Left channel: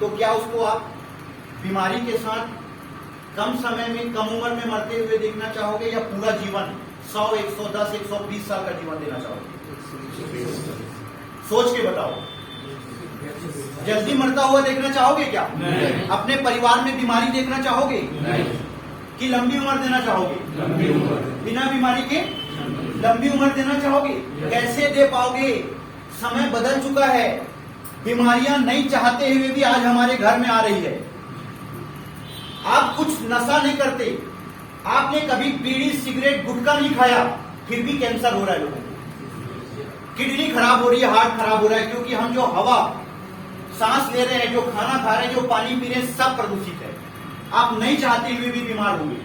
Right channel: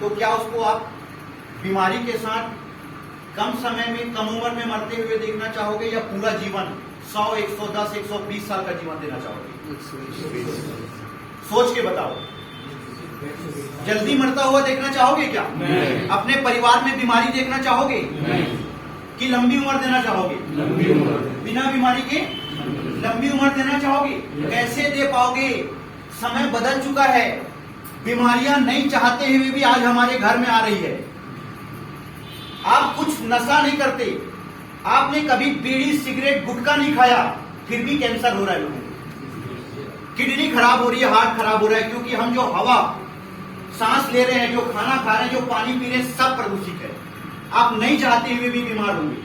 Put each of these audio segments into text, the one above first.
तो क्या उसको आप बीमारी के साथ कम समय में, कम उम्र में मरते हुए देखना चाहोगे, या पूरा जीवन 100, 110, 120 साल का जीवन देना चाहोगे? सोच के बताओ। जल्दी मरता हुआ देखना चाहोगे क्या? नहीं। अपने परिवार में बीमारी देखना चाहोगे? नहीं। कि लंबी उम्र देना चाहोगे? लंबी उम्र। बिना बीमारी के लंबी उम्र देना चाहोगे? कैसे दे पाओगे? समय बदल चुका है। बीमारियां नहीं चाहते हुए भी आज हमारे घर में आ रही है। आप कुछ नशा नहीं करते, आपने कभी बीड़ी, सिगरेट, गुटखा नहीं खाया, फिर भी कैंसर हो रहा है लोगों को। किडनी खराब हो रही है, हार्ट खराब हो रहा है, क्योंकि हम जो हवा सांस ले रहे हैं, जो खाना खा रहे हैं, जो पानी पी रहे हैं, सब प्रदूषित है। आप नहीं चाहते हुए भी बीमार होंगे।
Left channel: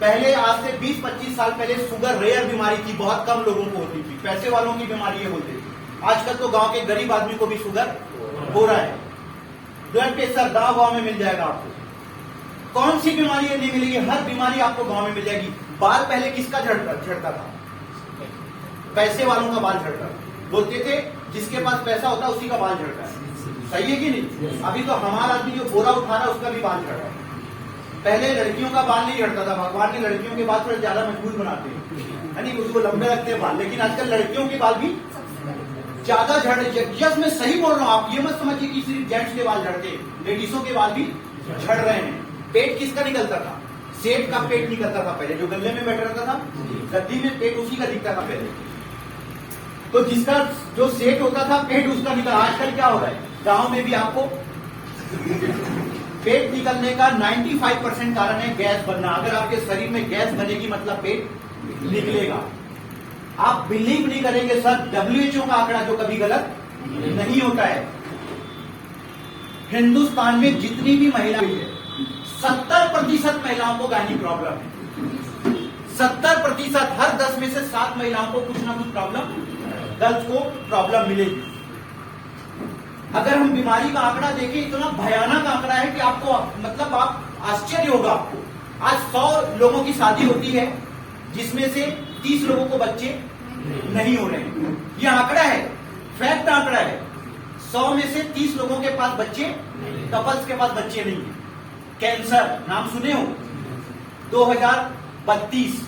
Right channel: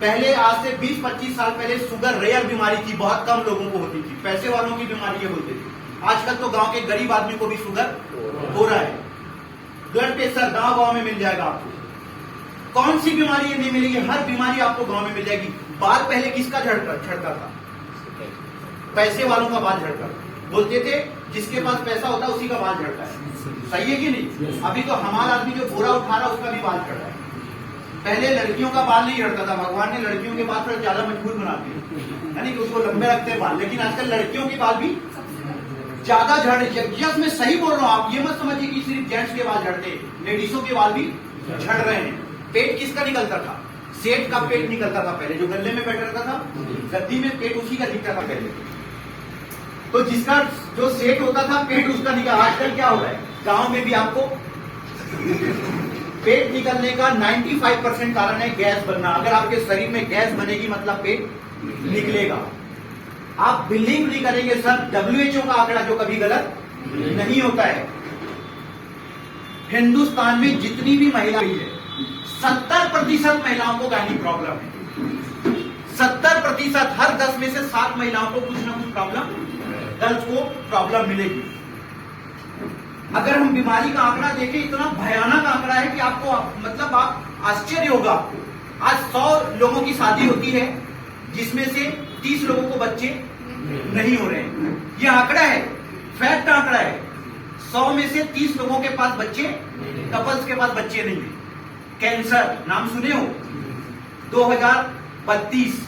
पहले आज से 20-25 साल पहले शुगर रेयर बीमारी थी, बहुत कम लोगों को होती थी, पैसे वालों की बीमारी ये होती थी। आजकल तो गांव के गरीब आदमी को भी शुगर हो रहा है। ब्लड प्रेशर गांव में मिल जाएगा आपको। कौन सी बीमारी नहीं मिलेगी? हर बीमारी आपको गांव में मिल जाएगी। बाल पहले किसका झड़ता था? पैसे वालों का बाल झड़ता था। बोलते थे जिसके पास पैसा होता है उसी का बाल झड़ता है। सही है कि नहीं? अभी तो हमारा आदमी जो बोरा उठा रहा है उसका भी बाल झड़ रहा है। पहले लड़कियों का बाल नहीं झड़ता था, भगवान ने लड़कियों के बाल थोड़ा ज्यादा मजबूत बनाते हैं, यानी उसको लंबे रखते हैं बाल। लेकिन आजकल लड़कियों के बाल भी ज्यादा झड़ रहे। यस, मैं सही बोल रहा हूँ। आप ये मत समझिए कि सिर्फ जेंट्स के बाल झड़ते, लेडीजों के बाल भी झड़ रहे हैं। पेट किसका निकलता था? सेठ का पेट निकलता था पहले, जो गले में बैठा रहता था, गद्दी में पेट उसी का दिखता था पहले। तो जिसका जो सेठ होता था पेट उसका निकल। आजकल क्या हो रहा है? गांव में भी आपको पेट निकलने का 95% कारण है गैस बनना। अगर आपके शरीर में गैस बनेगी मतलब पेट निकलेगा। आप बिलीव नहीं करेंगे सर, WHO का आंकड़ा जो कभी गलत नहीं होता है। हिंदुस्तान में जितनी भी महिलाएं हैं, 70% महिलाओं को गायनी प्रॉब्लम है। 70%, हर 10 में से 7 महिलाओं को कुछ ना कुछ प्रॉब्लम, गर्ल्स को प्रॉब्लम मिलेगी। अगर हम बीमारी का आंकड़ा देखें, इतना भयानक आंकड़ा है कि आपको मतलब आप आश्चर्य होगा आपको। आज 100 लोगों की शादी होती है जिसमें से 30 लोगों को बच्चे नहीं हो रहे हैं। ये आंकड़ा है, फैक्ट आंकड़ा है। 100 में से 30 लोगों के पास बच्चे, कपल्स के पास बच्चे नहीं है। कैंसर नाम सुने हो? 2032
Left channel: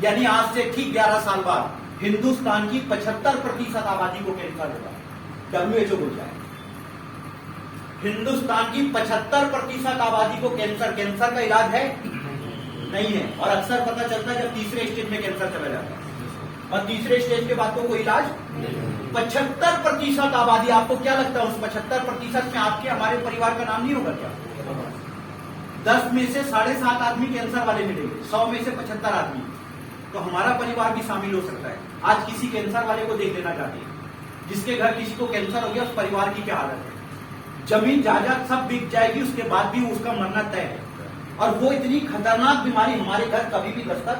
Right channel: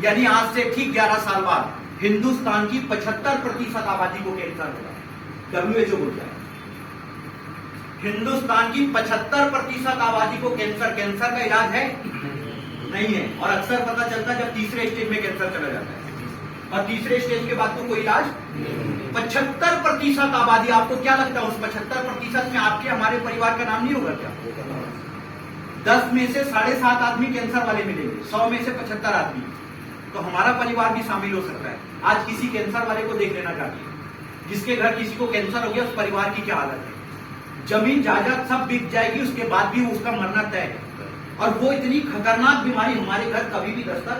यानी आज से ठीक 11 साल बाद हिंदुस्तान की 75% आबादी को कैंसर होगा। WHO बोलता है हिंदुस्तान की 75% आबादी को कैंसर। कैंसर का इलाज है? नहीं है। और अक्सर पता चलता है जब तीसरे स्टेज में कैंसर चला जाता है, और तीसरे स्टेज के बाद तो कोई इलाज। 75% आबादी। आपको क्या लगता है उस 75% में आपके हमारे परिवार का नाम नहीं होगा क्या? 10 में से 7.5 आदमी कैंसर वाले मिलेंगे, 100 में से 75 आदमी, तो हमारा परिवार भी शामिल हो सकता है। आज किसी कैंसर वाले को देख लेना चाहिए, जिसके घर किसी को कैंसर हो गया, उस परिवार की क्या हालत है। जमीन जायदाद सब बिक जाएगी, उसके बाद भी उसका मरना तय है। और वो इतनी खतरनाक बीमारी हमारे घर कभी भी दस्तक।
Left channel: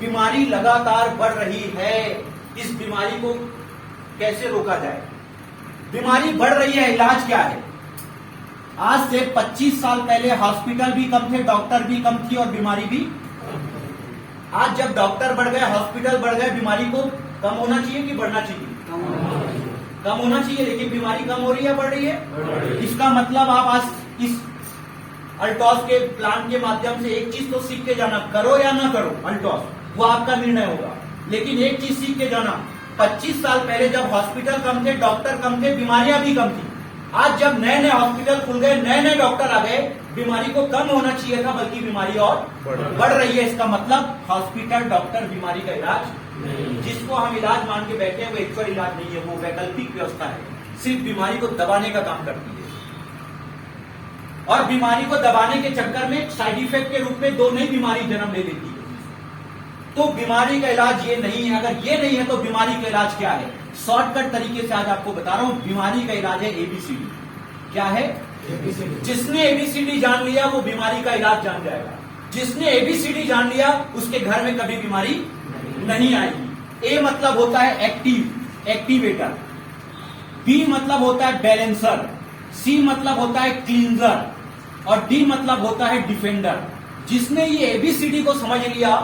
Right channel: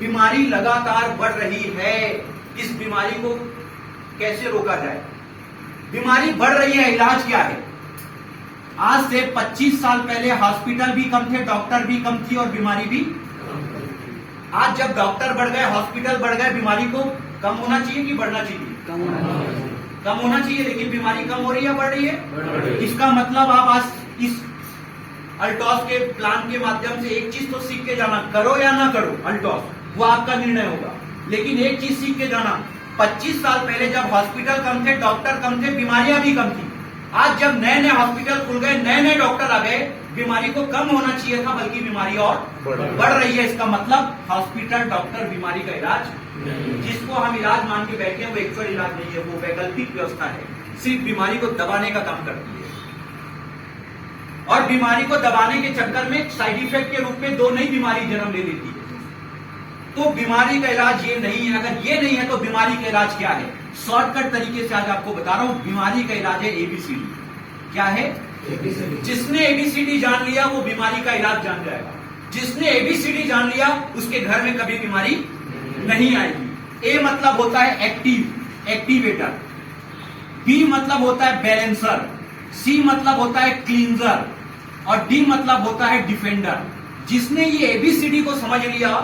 बीमारी लगातार बढ़ रही है। इस बीमारी को कैसे रोका जाए? बीमारी बढ़ रही है, इलाज क्या है? आज से 25 साल पहले हॉस्पिटल भी कम थे, डॉक्टर भी कम थी और बीमारी भी। आज जब डॉक्टर बढ़ गए, हॉस्पिटल बढ़ गए, बीमारी को कम होना चाहिए कि बढ़ना चाहिए? कम होना चाहिए, लेकिन बीमारी कम हो रही है, बढ़ रही है। इसका मतलब आप आज इस अल्टॉस के प्लान के माध्यम से एक चीज तो सीख के जाना, करो या ना करो अल्टॉस, वो आपका निर्णय होगा। लेकिन एक चीज सीख के जाना, 25 साल पहले जब हॉस्पिटल कम थे, डॉक्टर कम थे, बीमारियां भी कम थी। आज जब नए नए हॉस्पिटल खुल गए, नए नए डॉक्टर आ गए, बीमारी को कम होना चाहिए था, बल्कि बीमारी और बढ़ रही है। इसका मतलब हॉस्पिटल, डॉक्टर, बीमारी का इलाज, जिसको हम इलाज मान के बैठे हैं, वो एक्चुअल इलाज नहीं है, वो वैकल्पिक व्यवस्था है, सिर्फ बीमारी को दबाने का काम करती है। और बीमारी को दबाने के चक्कर में साइड इफेक्ट के रूप में 2 नई बीमारी जन्म ले लेती है। तो बीमारी का इलाज ये नहीं है। अगर ये नहीं है तो बीमारी का इलाज क्या है? शॉर्टकट तरीके से आज आपको बता रहा हूं। बीमारी का इलाज है ABCD। क्या है? ABCD। जिसने ABCD जान लिया वो बीमारी का इलाज जान जाएगा। जिसने ABCD जान लिया उसके घर में कभी बीमारी नहीं आएगी। A मतलब होता है एक्टिव, एक्टिवेटर। B मतलब होता है बैलेंसर। C मतलब होता है क्लींजर। और D मतलब होता है डिफेंडर। जिसने ये ABCD को समझ लिया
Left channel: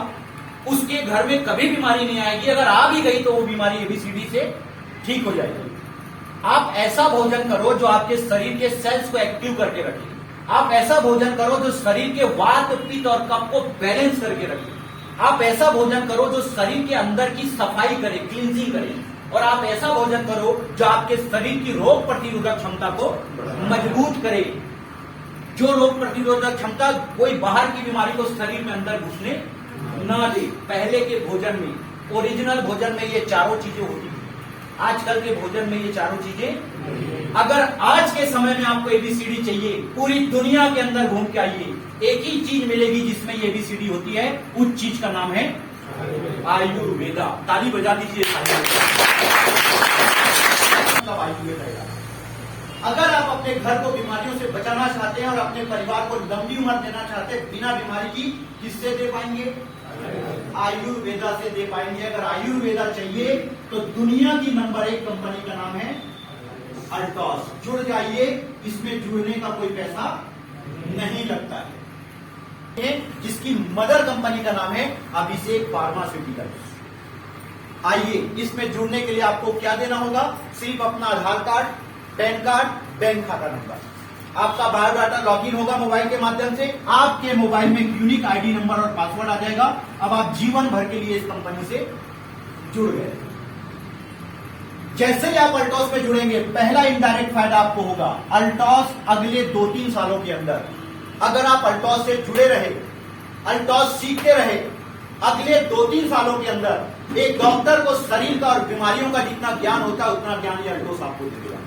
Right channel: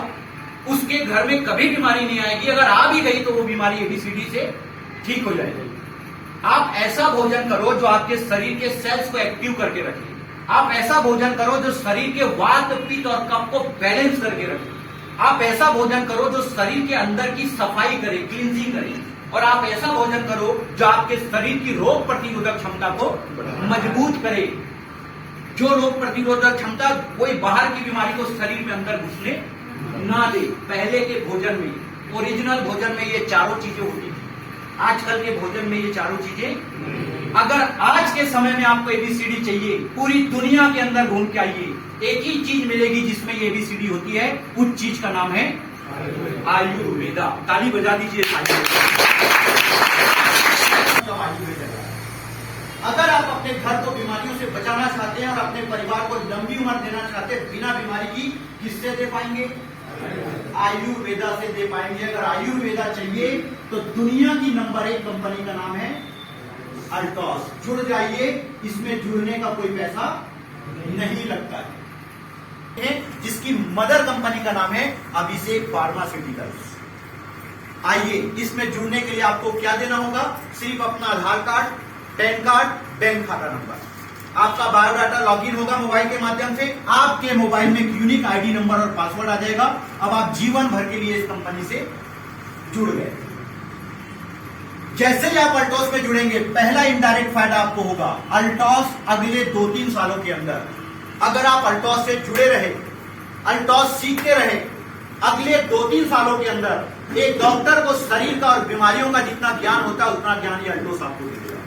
उसके घर में कभी बीमारी नहीं आएगी। अगर आ भी गई तो वो बीमारी ABCD से ठीक हो जाएगी। आप ऐसा भोजन करो जो आपके शरीर के सेल्स को एक्टिव करके रखे। आप ऐसा भोजन करो जो शरीर के वात, पित्त और कफ को बैलेंस करके रखे। आप ऐसा भोजन करो जो शरीर के अंदर की सफाई करे, क्लींजिंग करे। और आप ऐसा भोजन करो जो आपके शरीर की रोग प्रतिरोधक क्षमता को मजबूत करे। जो रोग प्रतिरोधक क्षमता कोई बाहर की बीमारी को शरीर में अंदर घुसने ना दे। पहले के भोजन में, ओरिजिनल भोजन में ये चारों चीजें होती थी। आजकल के भोजन में ये चारों चीजें। अगर आज के समय में आपको एबीसीडी चाहिए, पूरी दुनिया के अंदर घूम के आइए, एक ही चीज मिलेगी जिसमें ये एबीसीडी होती है। उस चीज का नाम है आयुर्वेदा। ताली बजा दीजिए। आयुर्वेदा। अगर आप अपने घर को बीमारियों से बचाना चाहते हैं और अपने परिवार को लंबी उम्र देना चाहते हैं बिना बीमारी की, किससे दे पाएंगे? आयुर्वेदा से दे पाएंगे। अगर आयुर्वेदा चाहिए तो दुनिया की नंबर 1 कंपनी का नाम है अल्टॉस। जुड़ जाइए, इसमें जुड़ने का कोई पैसा नहीं लगता है। जिसकी मदर कंपनी का नाम है अभिषेक फार्मास्यूटिकल्स। आइए, इसमें जुड़ने के लिए आपको क्या देना होगा? सिर्फ अपना आधार कार्ड, पैन कार्ड, बैंक खाता नंबर, आपका बायोडाटा लॉगिन होगा मोबाइल के माध्यम से। आपके मोबाइल में यूनिक आईडी नंबर और पासवर्ड आ जाएगा। अब आप जीवन भर के लिए इस कंपनी से जुड़ गए। जैसे ही आप अल्टॉस में जुड़ेंगे, पहला इनडायरेक्ट फायदा आपको होगा। अल्टॉस अगले 2-3 सालों के अंदर अगर आप अल्टॉस से जुड़े रहे, अल्टॉस सीखते रहे, अगले 2-3 सालों के अंदर एक डॉक्टर को शरीर का और बीमारियों का जितना ज्ञान होता है उतना ज्ञान ये अल्टॉस आपको देगा।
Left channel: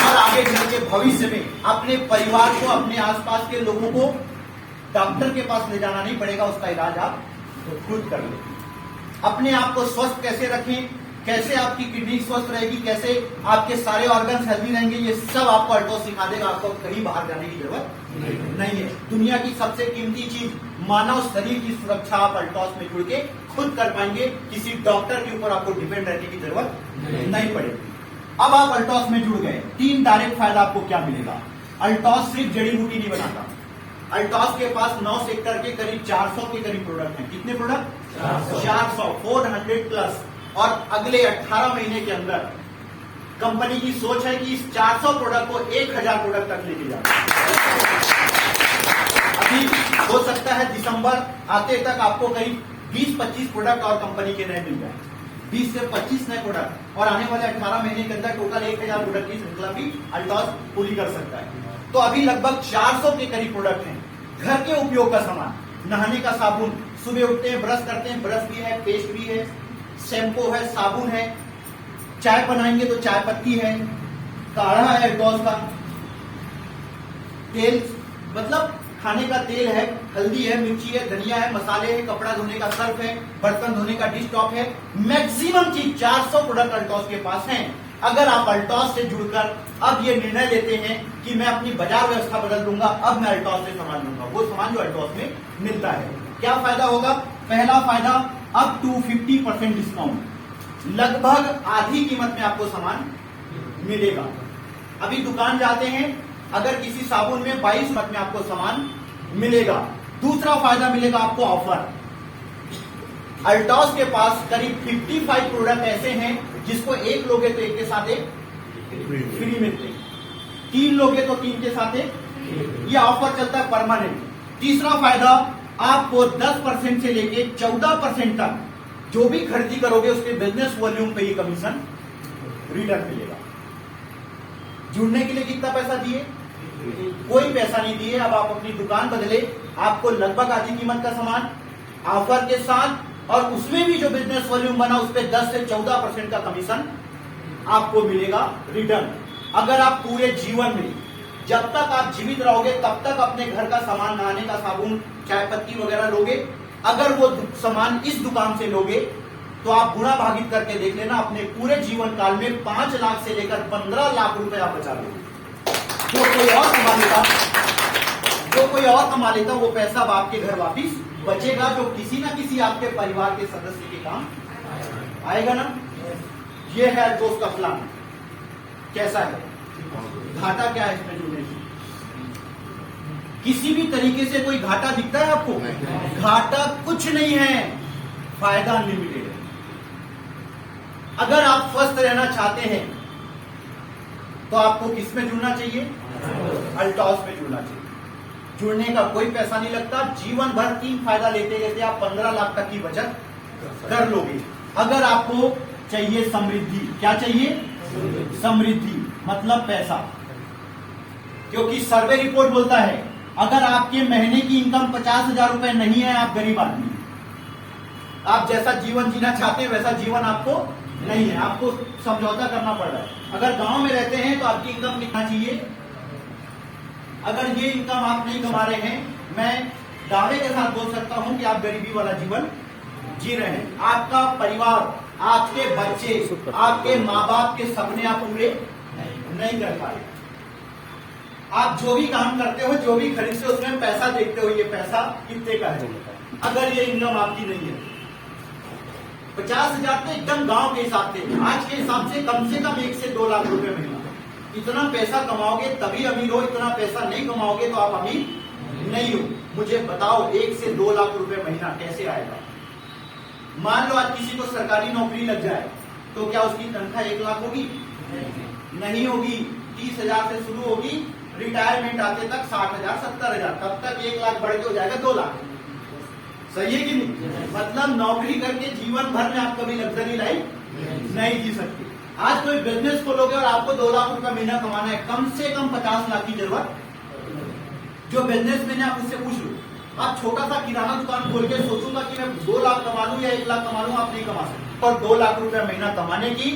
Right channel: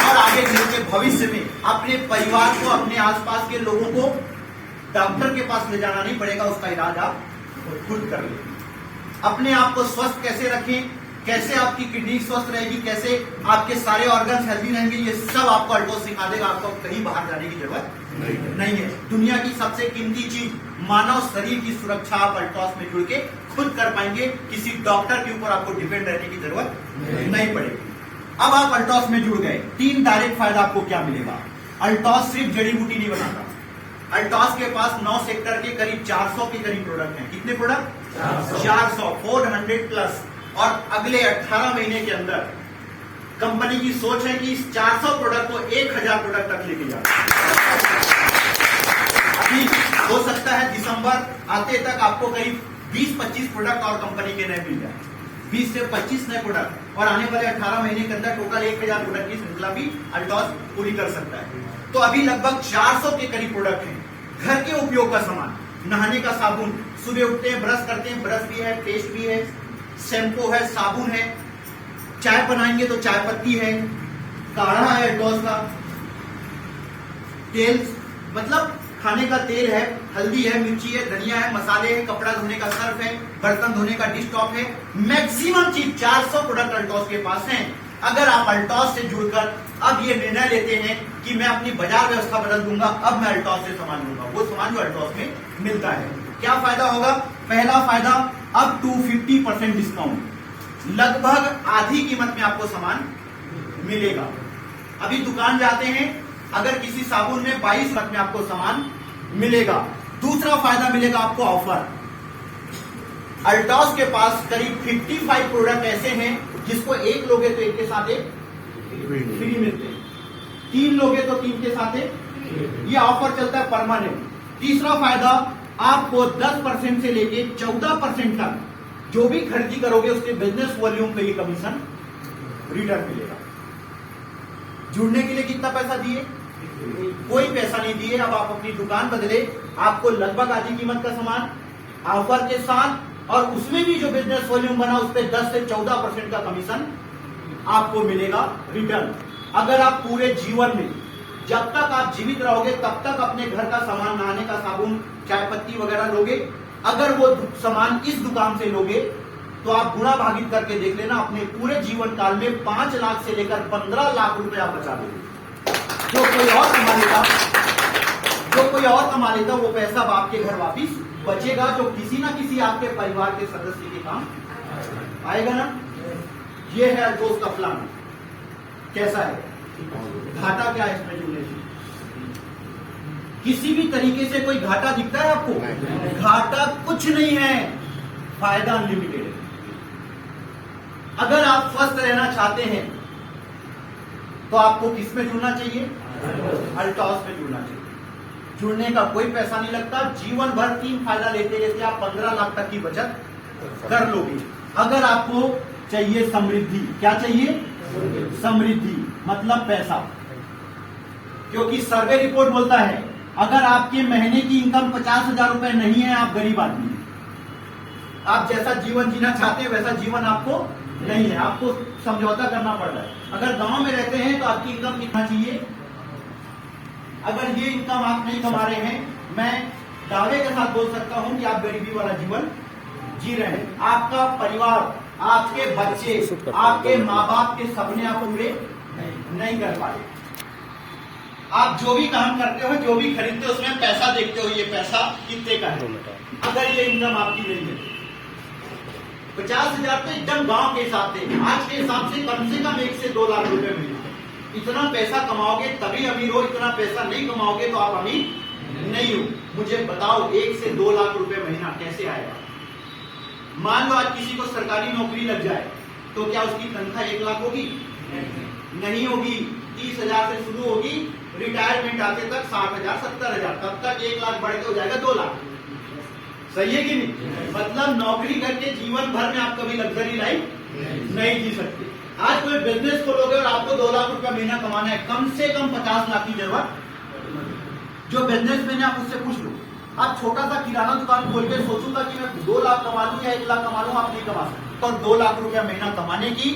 और आगे चल के भविष्य में अपने परिवार को, अपने आसपास के लोगों को डॉक्टर के पास ले जाना नहीं पड़ेगा। उसका इलाज आप खुद कर लें। अपने आप को स्वस्थ कैसे रखें, कैसे आपकी किडनी स्वस्थ रहेगी, कैसे आपके सारे ऑर्गन्स हेल्दी रहेंगे, ये सब आपको अल्टॉस सिखा देगा। आपको कहीं बाहर जाने की जरूरत नहीं है। दुनिया की सबसे कीमती चीज मानव शरीर की सुरक्षा आप अल्टॉस में जुड़ के खुद कर पाएंगे। किसी डॉक्टर के ऊपर आपको डिपेंड रहने की जरूरत नहीं पड़ेगी। अब आप अल्टॉस में जुड़ गए, 3 डायरेक्ट फायदा आपको क्या मिलेगा? अल्टॉस सिर्फ जड़ी बूटी नहीं बनाता। अल्टॉस के पास 9 सेक्टर के करीब 400 के करीब प्रोडक्ट हैं। कितने प्रोडक्ट? 400 प्लस। और अगले 18 महीने के अंदर कंपनी की सोच है कि इस 400 प्रोडक्ट को 1000 प्रोडक्ट तक लेके जाए। अभी हो सकता है दिसंबर आते तक आपको करीब 20-25 प्रोडक्ट और कंपनी के नए मिल जाए। 20 से 25 नए प्रोडक्ट, और आने वाले 18 महीने के अंदर टोटल 1000 प्रोडक्ट की श्रृंखला भी अल्टॉस पूरी कर सकता है। तो अभी लगभग 400 के करीब प्रोडक्ट हैं। घर के उपयोग का सामान, नहाने का साबुन, सुबह उठते हैं ब्रश करते हैं, ब्रश भी है, पेस्ट भी है, शैम्पू है, साबुन है, चाय बनाएंगे तो चाय पत्ती है, काढ़ा है अल्टॉस का, तेल मतलब खाने का तेल है, हल्दी है, मिर्ची है, धनिया है, मसाले है, कपड़ा धोने का सर्फ है, बर्तन धोने का डिश टॉप है। मैक्सिमम चीज 400 प्रोडक्ट अल्टॉस के पास हैं। अगर आप अल्टॉस से जुड़कर अब ये निर्णय लेते हैं कि मैं अपनी बाजार व्यवस्था बदल दूंगा, अब मैं अल्टॉस से सामान लूंगा, वो सामान जो अल्टॉस में मिलता है, क्या फायदा होगा? पहला फायदा, अप टू 50% डिस्काउंट, लगभग आधी कीमत में आपको सामान मिलेगा। अभी दुकान जाते हैं, अगर किसी साबुन में 22 में आपको सामान मिलेगा। दूसरा फायदा मिलेगा आपको ऑफर। अल्टॉस के पास करीब 55 प्रोडक्ट ऐसे हैं जिसको एक लोगे तो एक के साथ एक फ्री मिलते हैं, 3 लोगे तो 3 के साथ एक। ये ऑफर चलता है परमानेंट। तीसरा फायदा, आपको 10% से लेके 14% तक जो भी खरीदी करोगे उसके बिजनेस वॉल्यूम पे ये कमीशन रिटर्न मिलेगा। जुड़ने के लिए कितना पैसा दिए? कोई पैसा नहीं दिए। अब आप अपनी दुकान बदले, आपको लगभग आधी कीमत का सामान ऑफर के साथ, और उसमें भी जो बिजनेस वॉल्यूम बना उस पर 10 से 14% का कमीशन आपको मिलेगा रिटर्न। अगर आप पूरे जीवन में जब तक आप जीवित रहोगे तब तक अपने घर का सामान, नहाने का साबुन, चाय पत्ती वगैरह लोगे, अगर वो सामान इस दुकान से लोगे तो आप गुणा भागित करके देख लेना, अपने पूरे जीवन काल में 5 लाख से लेकर 15 लाख रुपए आप बचा लोगे। जो कोई और कमा लेता वो पैसा आपके घर वापिस बचेगा, जो किसी ना किसी आपके परिवार के सदस्य के काम आएगा ना। ये है अल्टॉस का प्लान। कैसा है? घाटा क्या है इसमें जुड़ने से? किसी भी तरीके से कोई घाटा दिखता है आपको? घाटा कुछ नहीं है, फायदा अनलिमिटेड। अगर आप स्वस्थ रहना चाहते हैं तो आपको किस में जुड़ना चाहिए? अल्टॉस में जुड़ना चाहिए। जुड़ने का कोई पैसा नहीं लगता। जीवन भर 3 फायदा लेते लेते आप 15 लाख तक की बचत कर लोगे। अगर आपको चाहिए समृद्धि, क्या चाहिए? समृद्धि मतलब पैसा, क्योंकि सर्वे रिपोर्ट बोलता है अगर आपके महीने की इनकम 50,000 रुपए नहीं है, आप गरीब आदमी हैं। आप जैसा जीवन जीना चाहते हैं वैसा जीवन आपको नहीं है, आपको समझौता करना पड़ रहा है। अगर गांव में रहते हैं तो आपकी इनकम कितना चाहिए? अगर ये इनकम आप नहीं कमा रहे हैं, मैं दावे के साथ बोल सकता हूं कि आप गरीबी वाला जीवन जी रहे हैं। आपका परिवार, आपके बच्चे, आपके माँ बाप के सपने आप पूरे नहीं कर पा रहे। आप जो भी काम करते हो, जो भी खरीदते हो, उसमें पैसा देखते हो, ये पैसा कितने का है। अगर ये इनकम आपकी नहीं है, 50,000 तो एकदम गांव के हिसाब से, आज के हिसाब से कम 1 से 2 लाख रुपए महीना। इतना पैसा कमाओगे तभी अमीर हो, इतना पैसा नहीं कमाओगे तो आप अमीर नहीं हो। मुझे बताओ 1 से 2 लाख रुपए महीना कैसे आएगा? मान लो आज किसी को सरकारी नौकरी लग जाए तो क्या उसकी तनख्वाह 1 लाख होगी? नहीं होगी। 30,000 से शुरू होगी, रिटायरमेंट आते तक 60,000, 70,000, तब तक 1 लाख बढ़ के हो जाएगा 2 लाख। सही है कि नहीं? मतलब नौकरी करके जीवन भर में आप कभी लग्जरी लाइफ नहीं जी सकते। आज कोई बिजनेस खोलोगे और आपको 2 लाख रुपया महीना कमाना है, कम से कम 50 लाख की जरूरत। जो बिजनेसमैन है आप उससे पूछ लो, आप छोटा सा किराना दुकान खोल के सोचूंगा कि मैं 2 लाख कमा लूं या 1 लाख कमा लूं, आप नहीं कमा सकते। और 2 लाख रुपया महीना कमाने की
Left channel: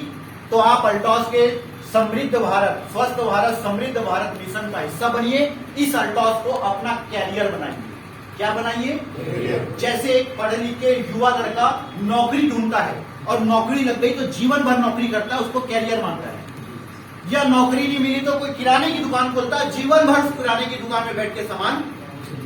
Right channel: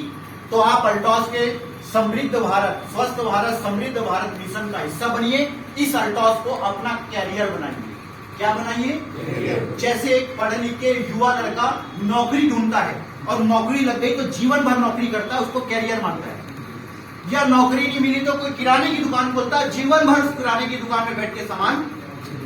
तो आप अल्टॉस के समृद्ध भारत, स्वस्थ भारत, समृद्ध भारत मिशन का हिस्सा बनिए। इस अल्टॉस को अपना कैरियर बनाइए। क्या बनाइए? जैसे एक पढ़े लिखे युवा लड़का नौकरी ढूंढता है और नौकरी लग गई तो जीवन भर नौकरी करता है, उसको कैरियर मानता है। या नौकरी नहीं मिली तो कोई किराने की दुकान खोलता है, जीवन भर उस किराने की दुकान में बैठ के सामान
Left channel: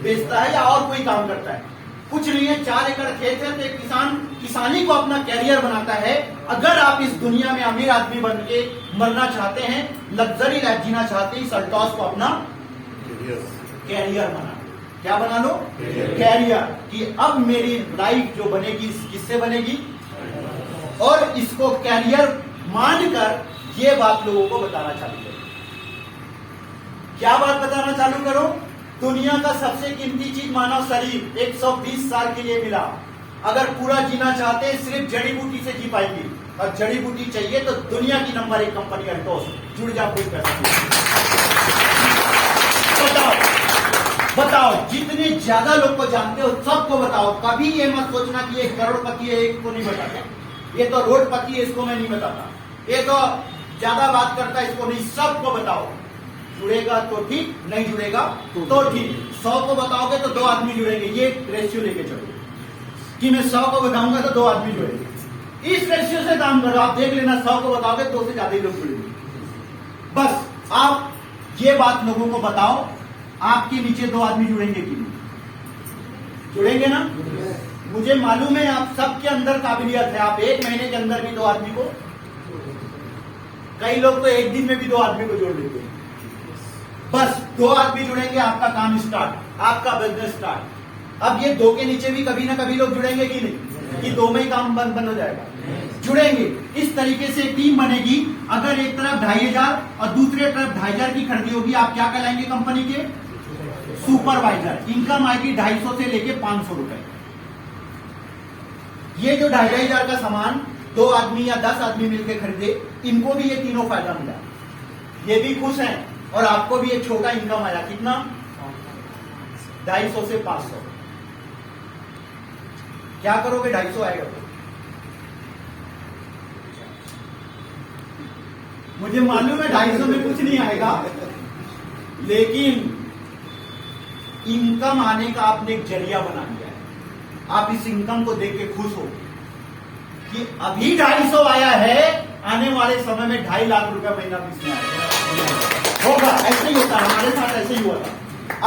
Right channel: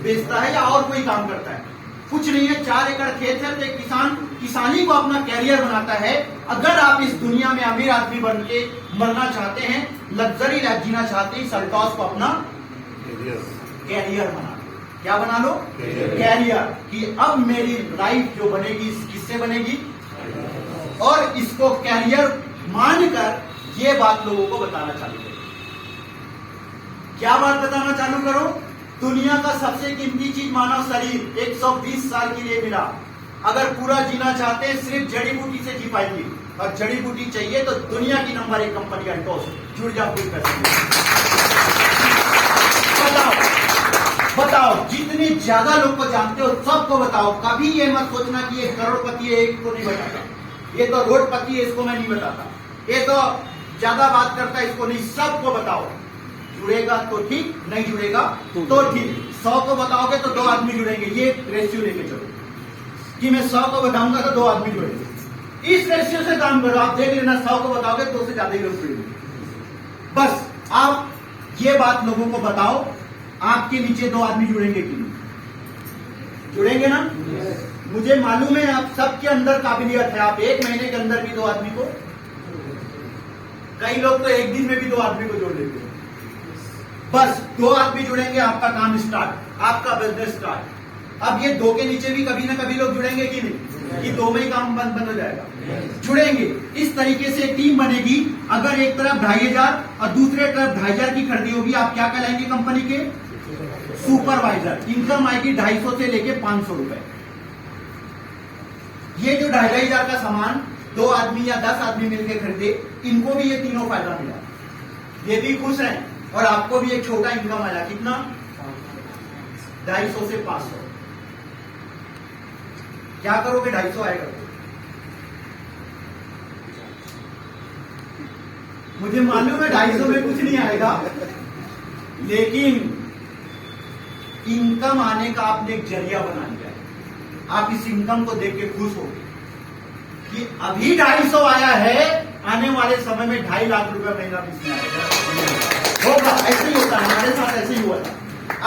बेचता है या और कोई काम करता है। कुछ नहीं है, 4 एकड़ खेत है तो एक किसान किसानी को अपना कैरियर बनाता है। अगर आप इस दुनिया में अमीर आदमी बन के मरना चाहते हैं, लग्जरी लाइफ जीना चाहते हैं, इस अल्टॉस को अपना कैरियर बना। क्या बना लो? कैरियर। कि अब मेरी लाइफ जो बनेगी किससे बनेगी, और इसको कैरियर मानकर ये बात लोगों को बताना चालू करो। क्या बात बताना चालू करो? दुनिया का सबसे कीमती चीज मानव शरीर 120 साल के लिए मिला। अगर पूरा जीना चाहते हैं सिर्फ जड़ी बूटी से जी पाएगी, और जड़ी बूटी चाहिए तो दुनिया की नंबर 1 कंपनी अल्टॉस, जुड़ जाओ, कुछ कर सकते। बताओ जितने ज्यादा लोग को जानते हो सबको बताओ। कभी ये मत सोचना कि ये करोड़पति है, एक को नहीं बताता, ये तो रोडपति है, इसको मैं नहीं बताता, ये तो ज्यादा बात करता है, इसको नहीं। सबको बताओ। जुड़ेगा तो ठीक, नहीं जुड़ेगा तो ठीक। 100 को बताओगे तो 2 आदमी जुड़ेंगे। ये रेशियो लेके चलो कि मैं 100 को बताऊंगा तो 2 आदमी जुड़ेंगे। इस रेशियो से काम करो। आप देख लेना, 100 को बताओगे 2 से ज्यादा ही लोग जुड़ेंगे। बस आप ये बात लोगों को बताओ, आपके नीचे 2 आदमी जुड़ेंगे कि नहीं? जुड़ेंगे ना? मुझे मालूम है आप सबके अंदर काबिलियत है। आप 1 महीने के अंदर भी 2 आदमी को, कई लोग तो 1 दिन में भी 2 आदमी को जोड़ लेते हैं। बस 2 आदमी जुड़ेंगे, आपका काम स्टार्ट, आपका बिजनेस स्टार्ट। अब ये 2 के नीचे भी कभी ना कभी लोग जुड़ेंगे कि नहीं? कि 2 में ही काम बंद हो जाएगा? जुड़ेंगे। इस तरीके से टीम बनेगी। अगर एक तरफ 2,500 और दूसरे तरफ 2,500 की खरीदी होगी, आप क्या कहलाएंगे? कंपनी के सुपरवाइजर। इनकम आएगी 250 से लेके 500 रुपए। ये जो 2,500 का सामान 2 आदमी या 10 आदमी मिलकर खरीदे, इनको भी ये तीनों फायदा मिला। ये भी खुश हैं और आपको भी एक छोटा इनकम आया। कितना? 250 से 500। क्या करोगे? 250 आएगा तो मुझे मालूम है 250 में कुछ नहीं आएगा, लेकिन इनकम आने का आपने एक जरिया बना लिया है। आप इस इनकम को देख के खुश हो कि अभी 250 आया है, आने वाले समय में 2.5 लाख रुपए महीना इसमें आएगा। होगा, ऐसे ही होता है, हमारे साथ ऐसे ही हुआ था।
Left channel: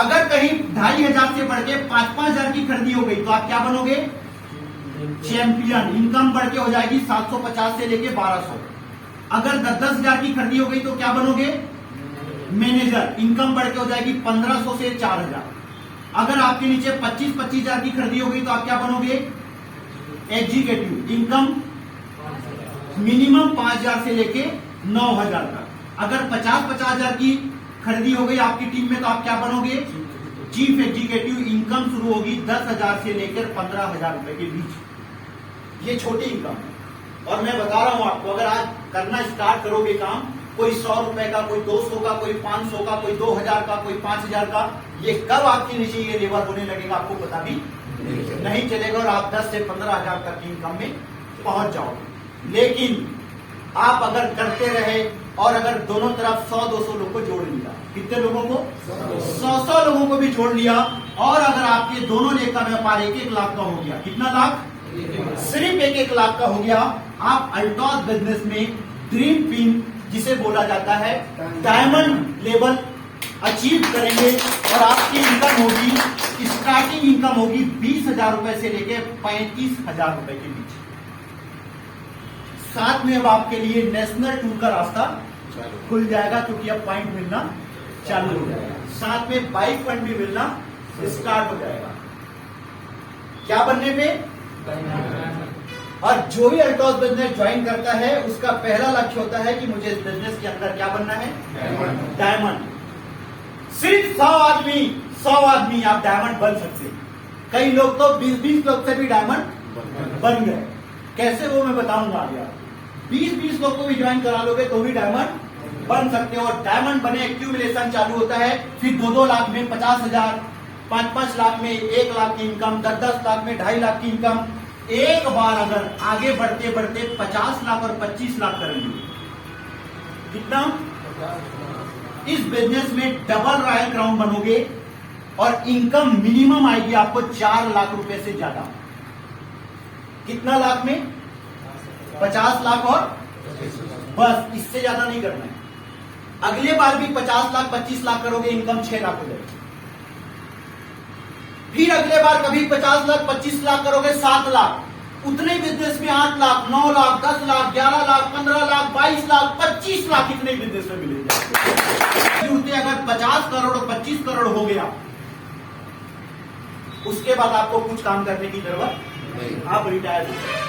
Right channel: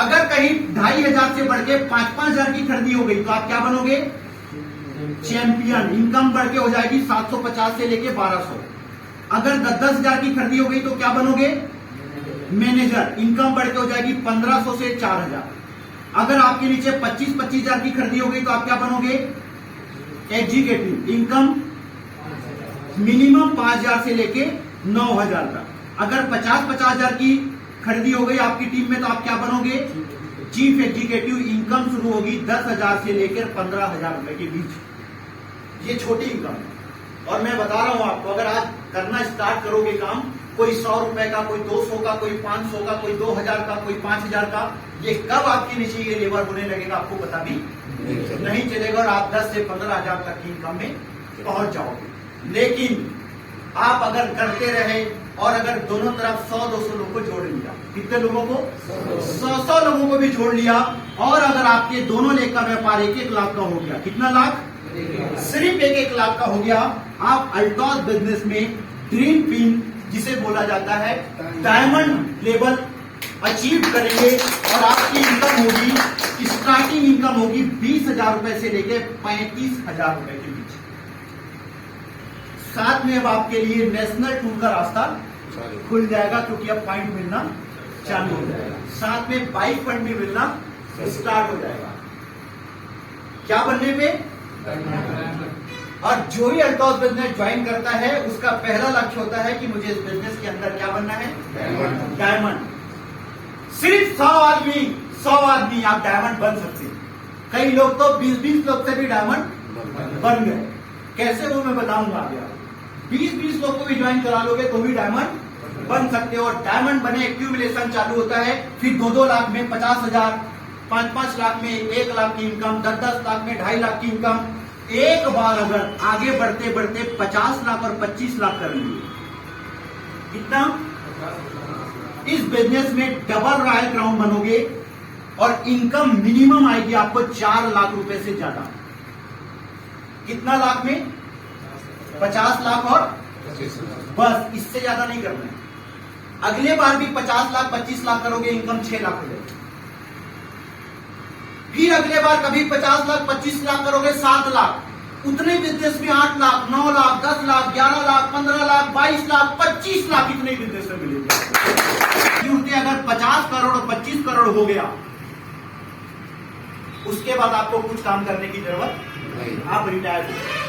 अगर कहीं 2,500 से बढ़ के 5,000 की खरीदी हो गई तो आप क्या बनोगे? चैंपियन। इनकम बढ़ के हो जाएगी 750 से लेके 1,200। अगर 10,000 की खरीदी हो गई तो क्या बनोगे? मैनेजर। इनकम बढ़ के हो जाएगी 1,500 से 4,000। अगर आपके नीचे 25,000 की खरीदी हो गई तो आप क्या बनोगे? एग्जीक्यूटिव। इनकम मिनिमम 5,000 से लेके 9,000 तक। अगर 50,000 की खरीदी हो गई आपकी टीम में तो आप क्या बनोगे? Chief executive. इनकम शुरू होगी 10,000 से लेकर 15,000 रुपए के बीच। ये छोटी इनकम है। और मैं बता रहा हूं आपको, अगर आज करना स्टार्ट करोगे काम, कोई 100 रुपए का, कोई 200 का, कोई 500 का, कोई 2,000 का, कोई 5,000 का, ये कब आपके नीचे ये लेबर होने लगेगा आपको पता भी नहीं चलेगा और आप 10 से 15,000 तक की इनकम में पहुंच जाओगे। लेकिन आप अगर करते रहे और अगर दोनों तरफ 100-200 लोगों को जोड़ लिया, कितने लोगों को? 100 लोगों को भी जोड़ लिया, और अगर आपके दोनों लेख का व्यापार 1-1 लाख का हो गया, कितना लाख? सिर्फ 1-1 लाख का हो गया, आप अल्टॉस बिजनेस में ड्रीम पिन, जिसे बोला जाता है डायमंड लेवल, अचीव करेंगे। और आपकी इनकम होगी, स्टार्टिंग इनकम होगी 20,000 रुपए से लेकर 35,000 रुपए के बीच। साथ में अब आपके लिए नेशनल टूर का रास्ता खुल जाएगा, क्योंकि अब पॉइंट मिलना चालू हो जाएगा। साथ में बाइक फंड भी मिलना स्टार्ट हो जाएगा। क्या बनने पे? और जो ही अल्टॉस बिजनेस ज्वाइन करता है उसका पहला लक्ष्य होता है कि मुझे इस बिजनेस के अंदर क्या बनना है? डायमंड। सिर्फ 100 आदमी आप डायमंड बन सकते हैं। कई लोग तो 20 लोग से भी डायमंड बन गए। कैसे वो मैं बताऊंगा आप यार। 20 लोग को भी ज्वाइन करा लोगे तो भी डायमंड बन सकते हो। और डायमंड बने एक्यूमुलेशन चालू होता है, फिर 2-2 लाख में 50,000, 5-5 लाख में 1 लाख की इनकम, 10-10 लाख में 2.5 लाख की इनकम। एक बार अगर आगे बढ़ते बढ़ते 50 लाख और 25 लाख करेंगे, कितना? इस बिजनेस में डबल रॉयल क्राउन बनोगे और इनकम मिनिमम आएगी आपको 4 लाख रुपए से ज्यादा। कितना लाख में? 50 लाख और बस, इससे ज्यादा नहीं करना है। अगले बार भी 50 लाख 25 लाख करोगे, इनकम 6 लाख हो जाएगी। फिर अगले बार कभी 50 लाख 25 लाख करोगे, 7 लाख। उतने बिजनेस में 8 लाख, 9 लाख, 10 लाख, 11 लाख, 15 लाख, 22 लाख, 25 लाख इतने बिजनेस में मिलेंगे। जुड़ते अगर 50 करोड़ 25 करोड़ हो गया, उसके बाद आपको कुछ काम करने की जरूरत नहीं। आप रिटायर हो गए।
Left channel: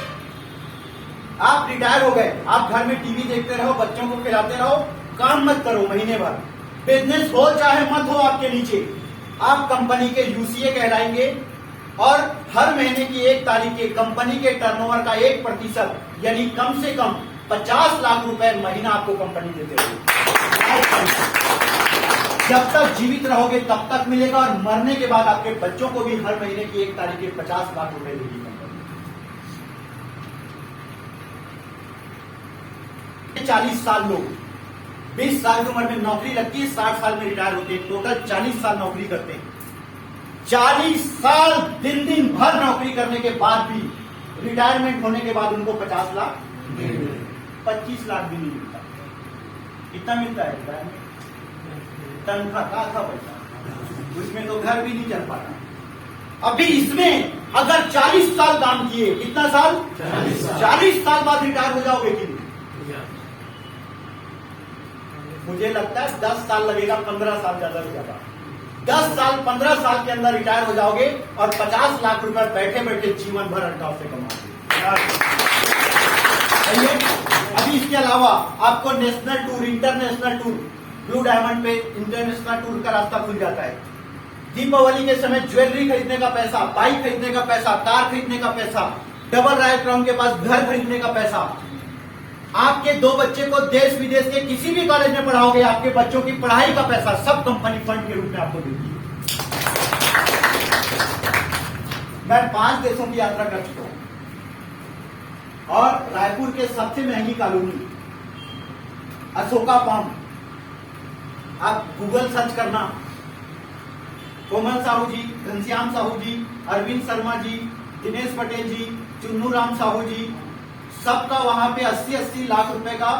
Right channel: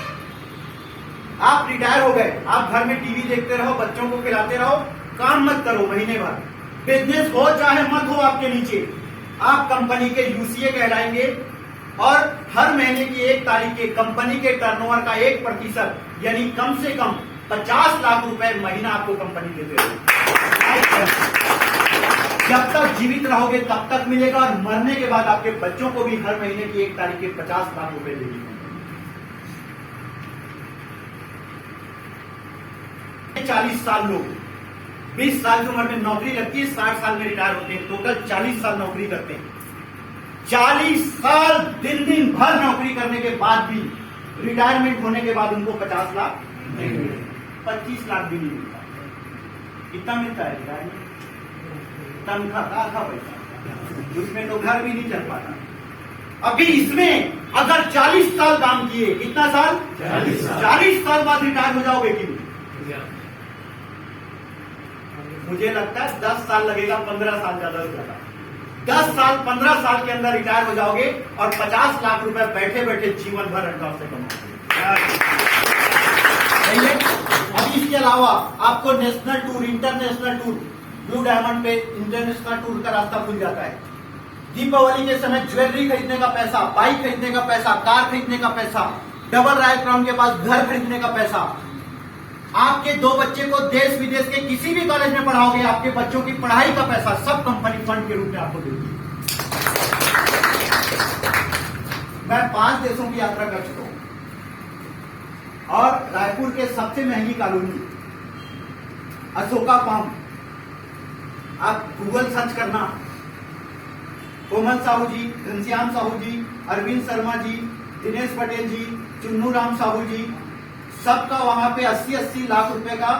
आप रिटायर हो गए, आप घर में टीवी देखते रहो, बच्चों को खिलाते रहो, काम मत करो महीने भर। बिजनेस हो चाहे मत हो आपके नीचे, आप कंपनी के यूसीए कहलाएंगे और हर महीने की 1 तारीख के कंपनी के टर्नओवर का 1% यानी कम से कम 50 लाख रुपए महीना आपको कंपनी देते रहेगी। जब तक जीवित रहोगे तब तक मिलेगा, और मरने के बाद आपके बच्चों को भी हर महीने की 1 तारीख के 50 लाख रुपए देगी कंपनी। 40 साल लोग 20 साल की उम्र में नौकरी लगती है, 60 साल में रिटायर होते हैं। टोटल 40 साल नौकरी करते हैं। 40 साल दिन भर नौकरी करने के बाद भी, रिटायरमेंट होने के बाद उनको 50 लाख 25 लाख भी नहीं मिलता। कितना मिलता है रिटायरमेंट? तनख्वाह का पैसा, उसमें तो घर भी नहीं चल पाता। अभी इसमें अगर 40 साल काम किए, कितना साल? 40 साल बाद रिटायर हो जाओगे कि? मुझे लगता है 10 साल लगेगा, 15 साल ज्यादा से ज्यादा। 10 साल 15 साल के अंदर रिटायर हो जाओगे और 50 लाख रुपए बैठे बैठे जीवन भर अल्टॉस से कमाओगे। अभी इसके अलावा आपको national tour, international tour, blue diamond पे इंटरनेशनल टूर का रास्ता खुल जाता है। दीपावली के समय ज्वेलरी खरीदने का पैसा, बाइक खरीदने का पैसा, कार खरीदने का पैसा, डबल रॉयल क्राउन के पास घर खरीदने का पैसा। आपके 2 बच्चे को देश विदेश के किसी भी कॉलेज में पढ़ाओगे, आपके बच्चों की पढ़ाई का पैसा सब कंपनी फंड के रूप में आपको देगी। मैं 5 देशों की यात्रा कर चुका हूं और रायपुर के सबसे महंगी कॉलोनी अशोका पाम, आप गूगल सर्च करना, कोमल साहू जी, घनश्याम साहू जी, अरविंद शर्मा जी, दिनेश पटेल जी, चुन्नू राम साहू जी, सबका वहां पे 80-80 लाख रुपए का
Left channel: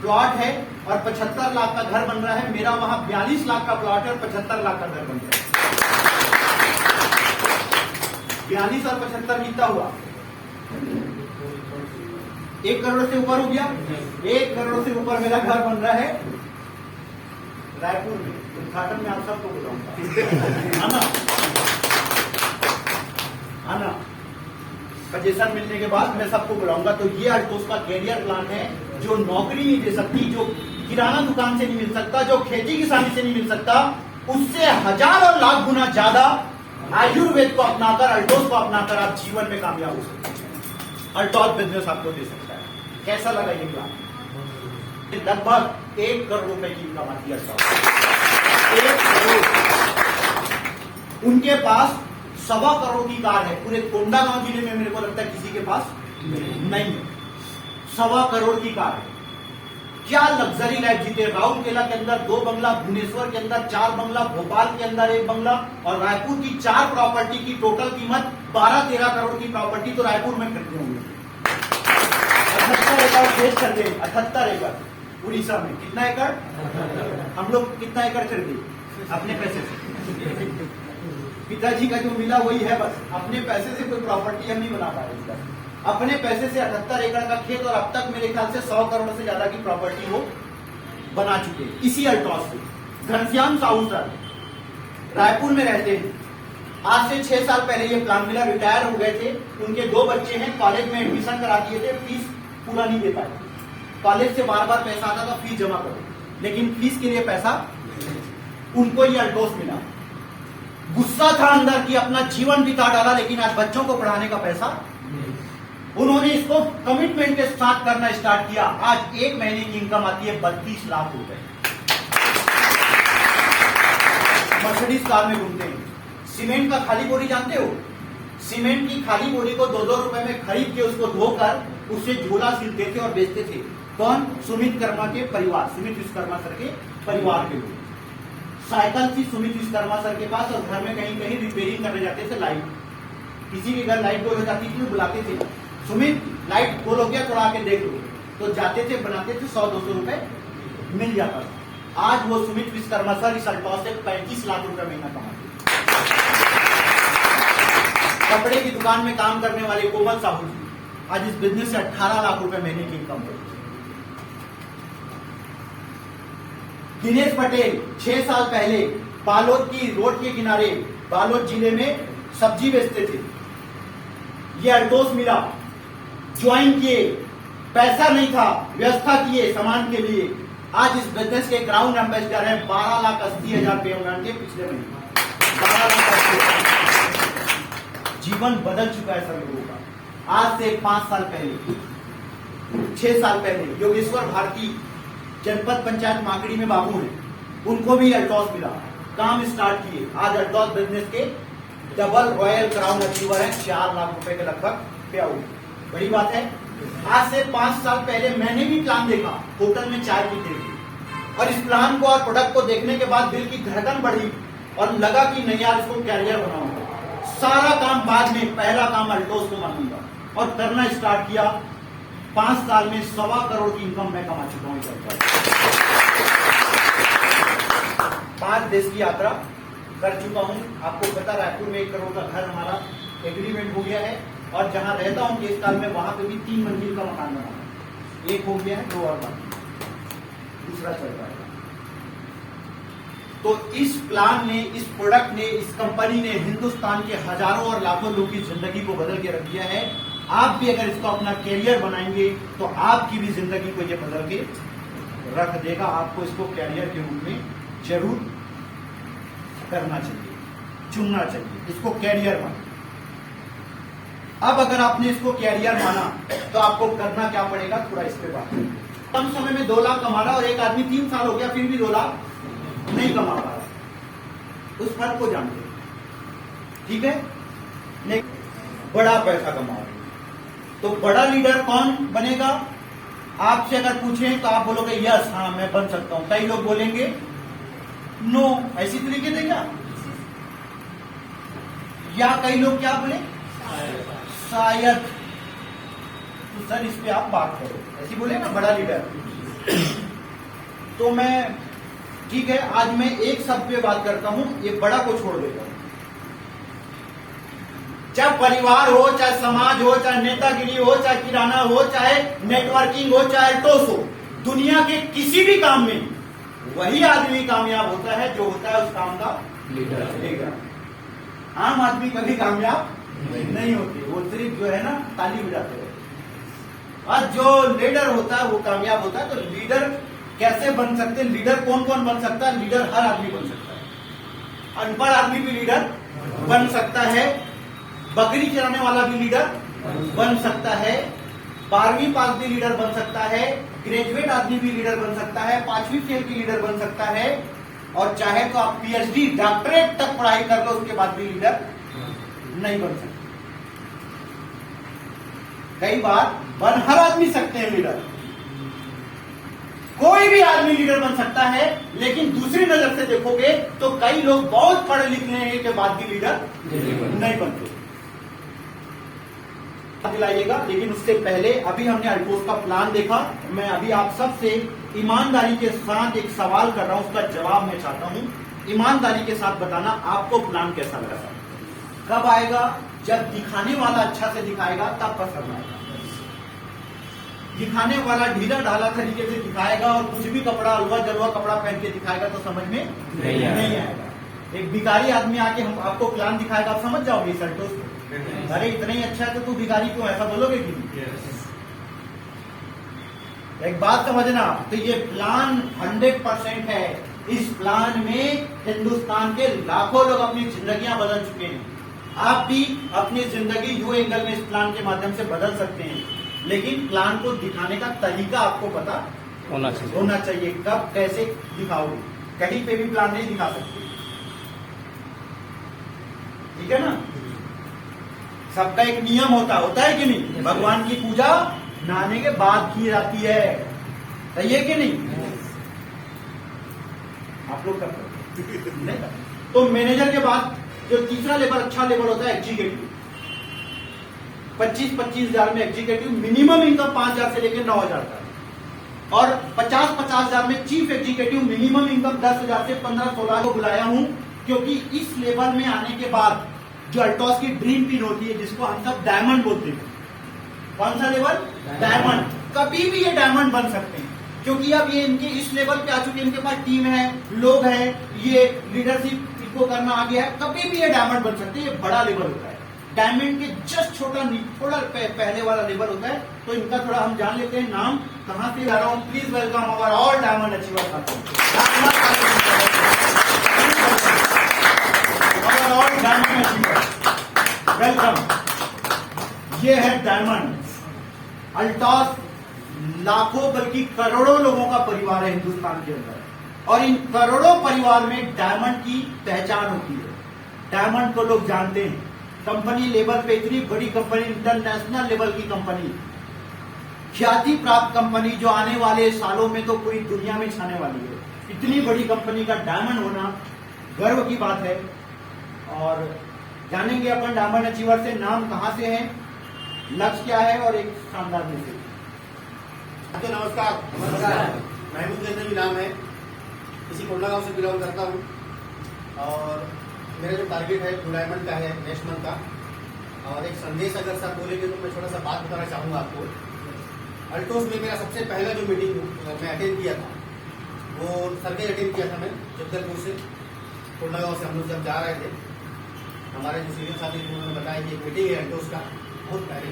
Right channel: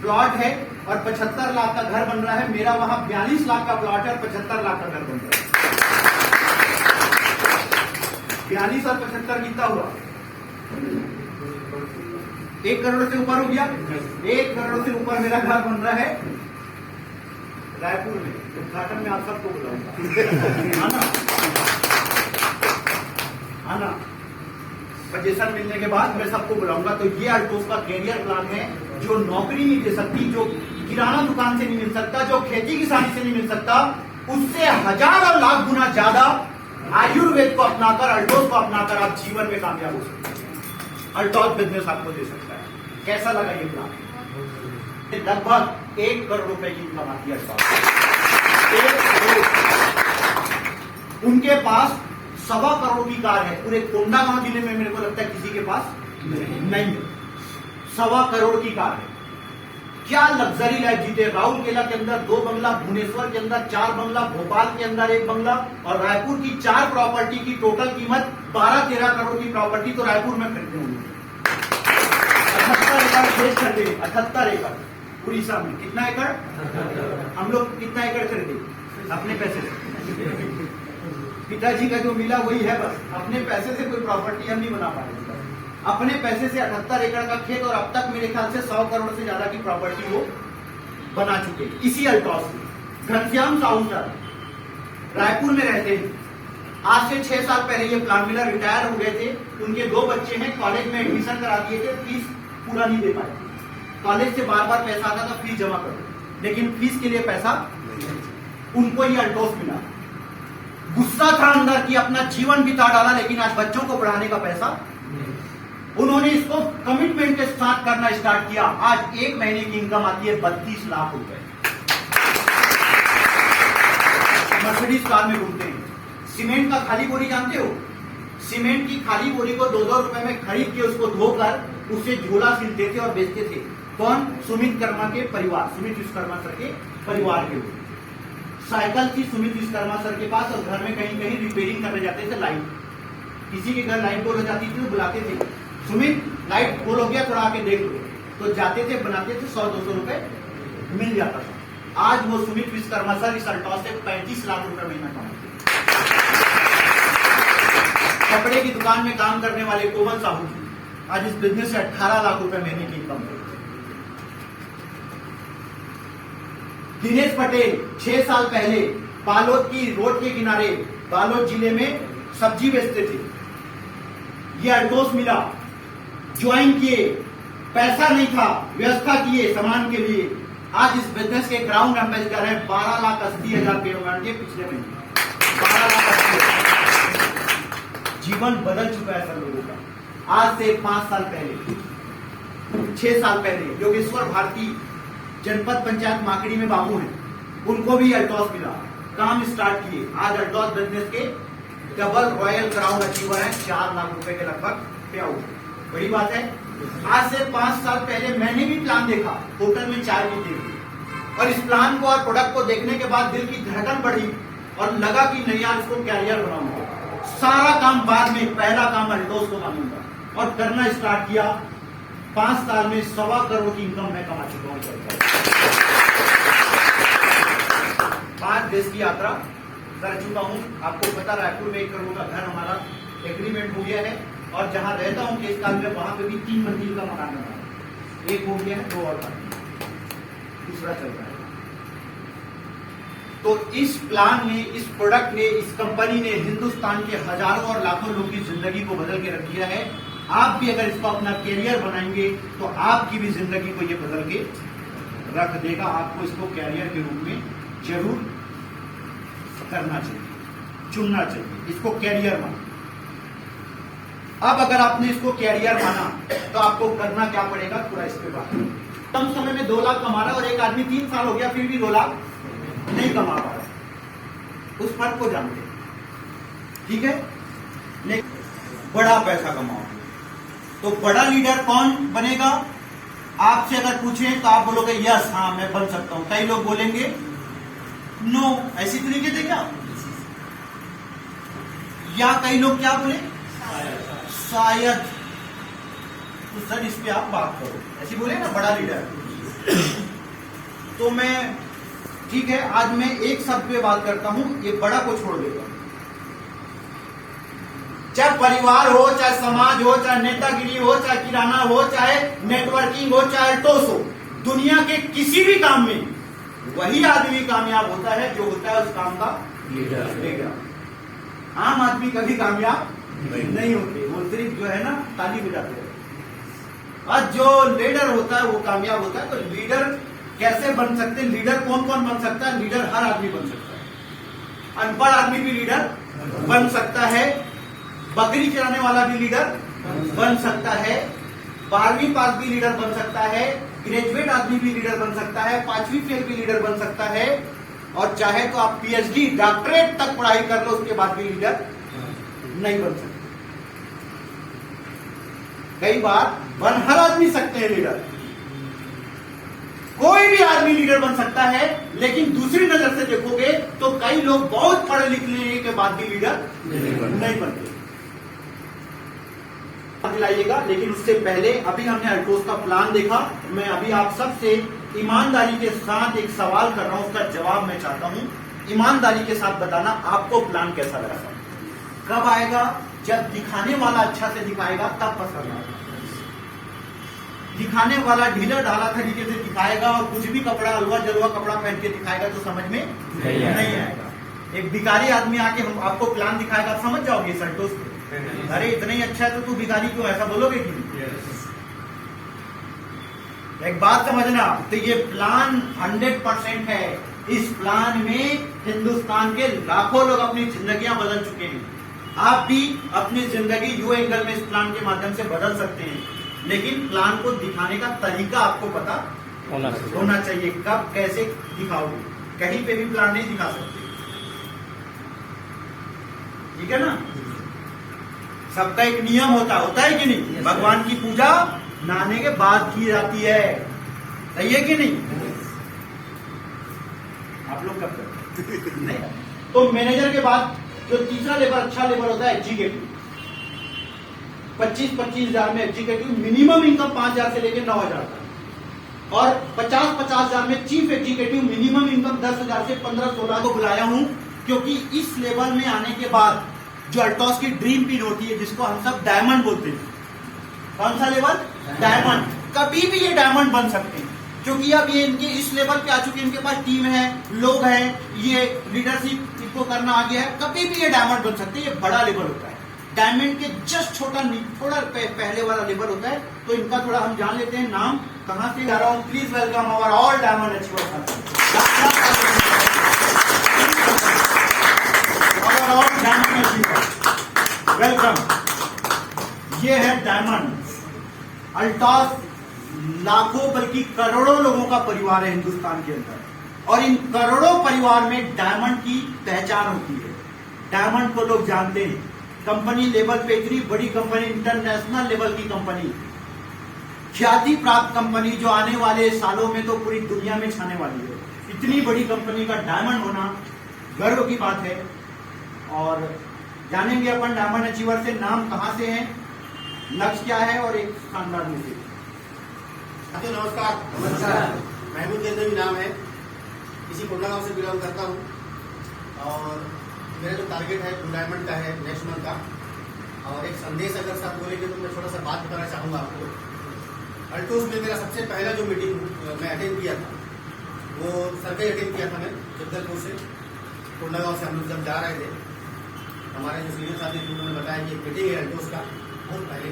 प्लॉट है और 75 लाख का घर बन रहा है। मेरा वहां 42 लाख का प्लॉट है और 75 लाख का घर बन रहा है। 42 और 75 कितना हुआ? 1 करोड़ से ऊपर हो गया। 1 करोड़ से ऊपर मेरा घर बन रहा है रायपुर में। उद्घाटन में आप सबको बुलाऊंगा, आना आना। सजेशन मिलने के बाद मैं सबको बुलाऊंगा। तो ये अल्टोस का कैरियर प्लान है, जो नौकरी नहीं दे सकती, जो किराना दुकान से नहीं मिल सकता, जो खेती किसानी से नहीं मिल सकता, उससे 1000 और लाख गुना ज्यादा आयुर्वेद को अपनाकर, अल्टोस को अपनाकर आप जीवन में कामयाब हो सकते हैं। अल्टोस बिजनेस आपको दे सकता है। कैसा लगा ये प्लान? लगभग 1 करोड़ रुपए की इनकम आती है। 1 करोड़। उनके पास 1.25 करोड़ की कार है। पूरे कोंडागांव जिले में मेरे को लगता है किसी के पास नहीं है। 1.25 करोड़ की कार है। क्या लग्जरी लाइफ जीते। राउरकेला के अंदर 2 बंगला, भुवनेश्वर के अंदर 4 बंगला, भोपाल के अंदर 1 बंगला और रायपुर की 4 प्रॉपर्टी की टोटल कीमत 12-13 करोड़ की प्रॉपर्टी तो रायपुर में खरीदे होंगे। 78 एकड़ खेत खरीदे। 78 एकड़ उड़ीसा में। कितना एकड़? हम लोग कितना एकड़ खरीदे अपने पैसे से? पिताजी का जो मिला वही है बस। अपने पैसे से कोई प्रॉपर्टी हम नहीं बना पा रहे। अपने पैसे से 78 एकड़ का खेत और अब तक मेरे ख्याल से 100 करोड़ से ज्यादा की प्रॉपर्टी वो बना चुके हैं इसी अल्टोस से। घनश्याम साहू सर रायपुर में रहते हैं। आज से 6 साल पहले ये प्लान मिला, रिटायर हो गए थे। उनके 2 बच्चे हैं, कॉलेज में एडमिशन करा दिए थे, फीस पूरा नहीं दे पाए। कॉलेज से बार बार पैसा आता था फीस जमा करो, लेकिन फीस के लिए पैसा उनको ये अल्टोस मिला। गुस्सा था अंदर कि अपना जीवन बिता डाला, लेकिन आज बच्चों को पढ़ाने का पैसा उन्होंने इसको कमिटमेंट के साथ करना स्टार्ट किया। आज 1 महीने की इनकम आती है 32 लाख रुपए। मर्सिडीज कार में घूमते हैं। सीमेंट का खाली बोरी जानते हो? सीमेंट की खाली बोरी को 2-2 रुपए में खरीद के उसको धोकर उससे झोला सिलते थे और बेचते थे। कौन? सुमित कर्मा के परिवार, सुमित विश्वकर्मा सर के परिवार के लोग। साइकिल थी सुमित विश्वकर्मा सर के पास और घर में कहीं कहीं रिपेयरिंग करने जाते थे। लाइट, किसी के घर लाइट गोल हो जाती थी, बुलाते थे, सुमित लाइट गोल हो गया थोड़ा आके देख लो। तो जाते थे, बनाते थे, 100-200 रुपए मिल जाता था। आज वो सुमित विश्वकर्मा सर इस अल्टोस से 35 लाख रुपए महीना कमाते। कपड़े की दुकान में काम करने वाले कोमल साहू जी आज इस बिजनेस से 18 लाख रुपए महीने की इनकम करते। दिनेश पटेल 6 साल पहले बालोद की रोड के किनारे बालोद जिले में सब्जी बेचते थे। ये अल्टोस मिला, ज्वाइन किए, पैसा नहीं था, व्यवस्था किए सामान के लिए। आज इस बिजनेस के ग्राउंड एम्बेसडर है। 12,80,000 रुपये उन्होंने पिछले महीने 12,80,000। जीवन बदल चुका है सर लोगों का। आज से 5 साल पहले, 6 साल पहले योगेश्वर भारती जनपद पंचायत माकड़ी में बाबू है, उनको भी अल्टोस मिला, काम स्टार्ट किए। आज अल्टोस बिजनेस के डबल रॉयल क्राउन अचीवर है। 4 लाख रुपए के लगभग क्या हुआ। बड़ी बात है। आज से 5 साल पहले मैंने भी प्लान देखा, होटल में चाय पीते हुए, और इस प्लान को और प्रोडक्ट को देखने के बाद दिल की धड़कन बढ़ी और लगा कि नहीं यार इसको कैरियर बनाऊंगा। सारा काम बाद में, पहला काम अल्टोस को मानूंगा और करना स्टार्ट किया। 5 साल में 1.25 करोड़ की इनकम मैं कमा चुका हूं। 5 देश की यात्रा कर चुका हूं। आपको पता, रायपुर में 1 करोड़ का घर हमारा एग्रीमेंट हो गया है और जहां रहता हूं केस काल में, वहां पे भी 3 मंजिल का मकान बना है। 1 हो गया है, 2 और बाकी, दूसरा चल रहा है। तो इस प्लान ने, इस प्रोडक्ट ने, इस कंपनी ने हिंदुस्तान के हजारों और लाखों लोगों की जिंदगी को बदल के रख दिया है। आप भी अगर इसको अपना कैरियर बनाएंगे तो आपकी भी जिंदगी को ये बदल के रख देगा। आपको इसको कैरियर के रूप में जरूर करना चाहिए, चुनना चाहिए, इसको कैरियर माना। अब अगर आपने इसको कैरियर माना तो आपको करना क्या पड़ेगा, थोड़ा इस पे बात। कम समय में 2 लाख कमा रहा और एक आदमी 3 साल हो गया फिर भी 2 लाख नहीं कमा पा रहा। उस फर्क को जानते हैं, ठीक है। नहीं, बड़ा पैसा कमाओ तो बड़ा लीडर कौन बनेगा? आपसे अगर पूछें तो आप बोलोगे यस, हाँ मैं बन सकता हूं। कई लोग बोलेंगे नो, ऐसी तरीके से क्या, या कई लोग क्या बोले शायद। तो सर इस पे आप बात करो, ऐसी बोले ना बड़ा लीडर। तो मैं ठीक है, आज मैं एक शब्द पे बात करता हूं, ये बड़ा को छोड़ देता हूं। चाहे परिवार हो, चाहे समाज हो, चाहे नेतागिरी हो, चाहे किराना हो, चाहे नेटवर्किंग हो, चाहे अल्टोस हो, दुनिया के किसी भी काम में वही आदमी कामयाब होता है जो होता है उस काम का लीडर। आम आदमी कभी कामयाब नहीं होते, वो सिर्फ जो है ना ताली बजाते हैं। आज जो लीडर होता है वो कामयाब होता है। तो लीडर कैसे बन सकते हैं? लीडर कौन कौन बन सकता है? लीडर हर आदमी बन सकता है। अनपढ़ आदमी भी लीडर बन सकता है, बकरी चलाने वाला भी लीडर बन सकता है, 12वीं पास भी लीडर बन सकता है, ग्रेजुएट आदमी भी लीडर बन सकता है, 5वीं फेल भी लीडर बन सकता है, और चाहे तो आप पीएचडी डॉक्टरेट तक पढ़ाई कर लो उसके बाद भी लीडर नहीं बन सकते। कई बार बन हर आदमी सकते हैं लीडर, कोई भी आदमी लीडर बन सकता है, लेकिन दूसरी नजर से देखोगे तो कई लोग बहुत पढ़े लिखने के बाद भी लीडर नहीं बनते। दिलाइएगा, लेकिन उससे पहले अभी हमने अल्टोस का प्लान देखा। मैं अभी आप सबसे ईमानदारी के साथ एक सवाल कर रहा हूं, उसका जवाब मैं चाहता हूं। ईमानदारी के साथ बताना आपको प्लान कैसा लगा। कब आएगा? जब दिखाने वाला अच्छा से दिखाएगा तब पसंद आएगा। दिखाने वाला ढीला ढाला तरीके से दिखाएगा और कुछ भी कपड़ा अलवा जलवा कपड़ा पहन के दिखाएगा तो समझ में नहीं आएगा। एक भिखारी आदमी आके हम आपको प्लान दिखाएगा, आप समझ जाओगे इस अल्टोस को, अरे इतना ही अच्छा है तो तू भिखारी क्यों, ऐसा बोलोगे क्यों? एक बात समझना, तो ये प्लान 100% है। इस प्लान में हिंदुस्तान के लाखों लोग अपनी जिंदगियां बदल चुके हैं। आप भी अपनी जिंदगी यू एंगल में इस प्लान के माध्यम से बदल सकते हैं, लेकिन प्लान को दिखाने का तरीका आपको पता होना चाहिए। कब कैसे दिखाओगे? कहीं पे भी प्लान नहीं दिखा सकते, ठीक है ना? सबका एक नियम होता है कि नहीं? भगवान की पूजा नहाने के बाद की जाती है, सही है कि नहीं? आप लोग करते हो नहीं? तो मैनेजर के बाद जो तीसरा लेवल अच्छा लेवल होता है एग्जीक्यूटिव। 25-25 हजार में एग्जीक्यूटिव, मिनिमम इनकम 5,000 से लेकर 9,000 तक, और 50-50 हजार में चीफ एग्जीक्यूटिव, मिनिमम इनकम 10,000 से 15-16 को बुलाया हूं, क्योंकि इस लेवल में आने के बाद जो अल्टोस की ड्रीम पिन होती है, जिसको हम सब डायमंड बोलते हैं। कौन सा लेवल? डायमंड। कभी भी ये डायमंड बन सकते हैं, क्योंकि अब ये इनके इस लेवल पे आ चुके हैं, इनके पास टीम है, लोग हैं, ये लीडरशिप इनको करना आ गया है, कभी भी ये डायमंड बन सकते हैं। ये बड़ा लेवल होता है, डायमंड के जस्ट थोड़ा पहले वाला लेवल होता है। तो इनका थोड़ा हम जान लेते हैं नाम, कहां से आ रहा हूं। Please welcome our all diamond achievers, all diamond achievers, welcome. ये है डायमंड। अल्टोस लाखों बल्कि करोड़ों लोगों का परिवार है हिंदुस्तान के अंदर, और इन करोड़ों परिवार में डायमंड की पहचान होती है। डायमंड को लोग जानते हैं। कंपनी लेवल पे इतनी बड़ी कंपनी, इंटरनेशनल लेवल की कंपनी, ख्याति प्राप्त कंपनी, जो आने वाले सालों में तो पूरी दुनिया में छाने वाली है। इतनी बड़ी कंपनी का डायमंड होना गर्व की बात है। और जानेंगे अपन डायमंड अचीवर से नाम कहां से है, लक्ष्य क्या है, और एक शानदार मैसेज। तो नमस्कार, महमूद गंजवी नाम है, इसी कोंडा गांव से बिलोंग करता हूँ, और मेरा जो टारगेट है ब्लू डायमंड का है नेक्स्ट मंथ का। और एक संदेश अगर सब बोलेंगे तो मैं छोटा सा बात बताना चाहूँगा आपको। अल्टोस में मेरा सबसे पहला जो मीटिंग मैं अटेंड किया था, वो सर्वे अटेंड किया था मैं जगदलपुर से। कोंडा गांव से हम लोग जब जा रहे थे, हमारे जो सीनियर साथी थे उन्होंने बताया कि एक मीटिंग है अल्टोस का बहुत पहले।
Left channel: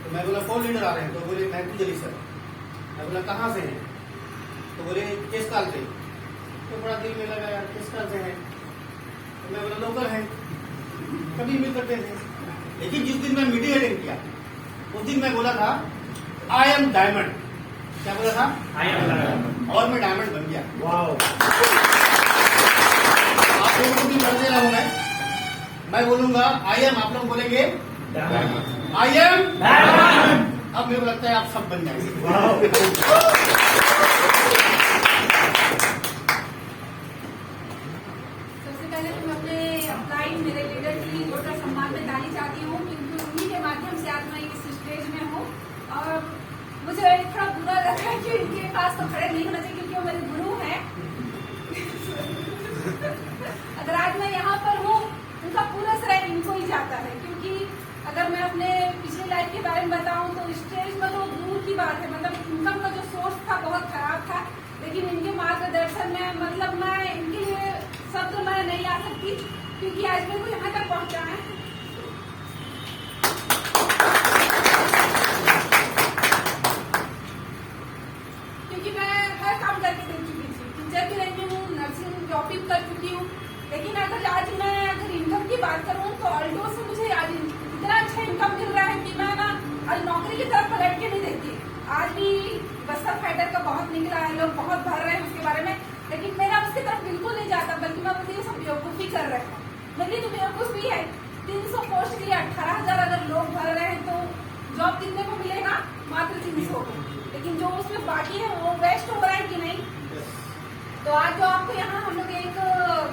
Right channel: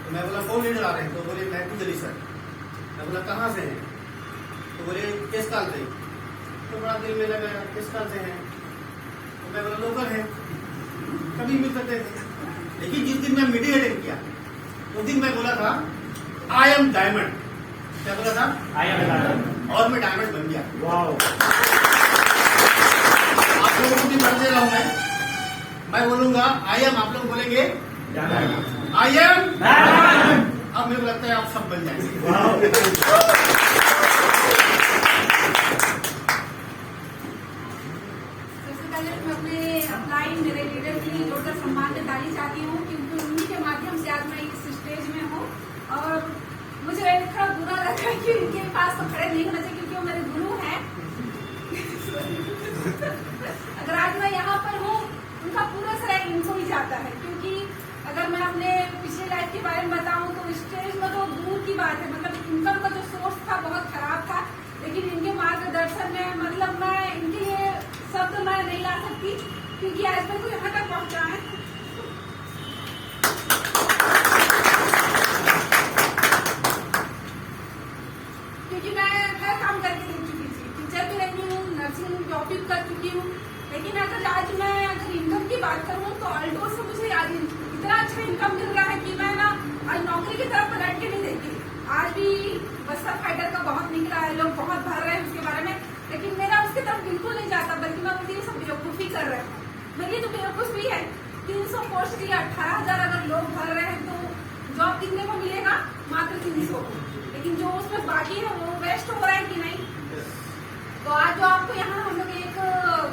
तो मैं बोला कौन लीडर आ रहे हैं? तो बोले महमूद अली सर। मैं बोला कहाँ से हैं? तो बोले किस साल से? तो बड़ा दिल में लगा यार किस साल से हैं? तो मैं बोला लोकल है, कभी मिल सकते थे। लेकिन जिस दिन मैं मीटिंग अटेंड किया उस दिन मैं बोला था आई एम डायमंड। क्या बोला था? I am diamond. और मैं डायमंड बन गया। वाओ! आप लोगों को भी कर दे रहा हूं मैं बोलूंगा आई एम, आप लोग बोलेंगे आई एम डायमंड। अब मेरे को लगता है आप सब बन जाएंगे। सबसे पहले तो मैं अपने अपलाइन मेरे लीडर के लिए जोरदार सम्मान में डाली चाहती हूँ, क्योंकि उन्हीं के माध्यम से आज मैं इस स्टेज में हूँ। और मुझे थोड़ा बुरा लगा कि इनके पास तो खड़े नहीं होना चाहिए, क्योंकि वो मेरे गुरु हैं। अगर आज मैं यहाँ पर हूँ, उनका पूरा श्रेय इनको ही जाता है। क्योंकि अगर मैं अपने पिछले लाइफ के बारे में बताऊं तो स्टेज में तो दूर की बात है, मतलब इनकम का जो सोर्स था बहुत खराब था, लेकिन इनके मार्गदर्शन में मतलब मैं इनके लिए शब्द मैं नहीं ला सकती, क्योंकि आज तक तो यहाँ तक पहुँचा है। कर चुकी हूँ। लेकिन अगर आज मैं इनकम की बात करूँ तो अल्टोस से मुझे आज इतना अच्छा इनकम मिल रहा है कि मैं ना आज नौकरी की तरफ पलट के नहीं देखती। आज भी बस्तर फाइटर का बहुत निकला है, लोग बहुत भर रहे हैं उसके बारे में, लेकिन मेरा उसकी तरफ बिल्कुल नहीं जाता, बल्कि मैं मुझे सब बेवकूफ़ी कर रहे हैं। मेरी तो बेवकूफ़ी है। 300 पोस्ट दिया, 18,000 अगर लोग भर रहे हैं तो जॉब कितने को मिलेगा? मात्र 300। लेकिन जो उसमें बाकी है वो वेस्ट हो रहा है कि नहीं? तो आज जो आपको यहाँ हम लोग एक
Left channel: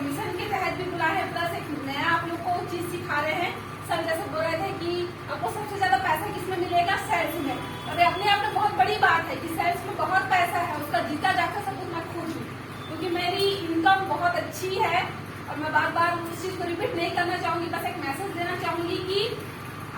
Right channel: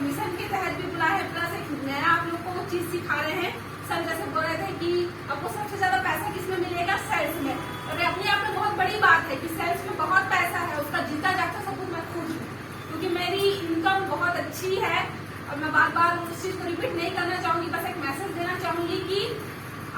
मिशन के तहत भी बुलाए हैं, प्लस एक नया आप लोग को चीज सिखा रहे हैं। सर जैसे बोल रहे थे कि आपको सबसे ज्यादा पैसा किसमें मिलेगा? सेल्स में। और ये अपने आप में बहुत बड़ी बात है कि सेल्स में बहुत पैसा है, उसका जीता जाता सब कुछ मैं खुद हूँ, क्योंकि मेरी इनकम बहुत अच्छी है। और मैं बार बार उस चीज को रिपीट नहीं करना चाहूंगी, बस एक मैसेज देना चाहूंगी कि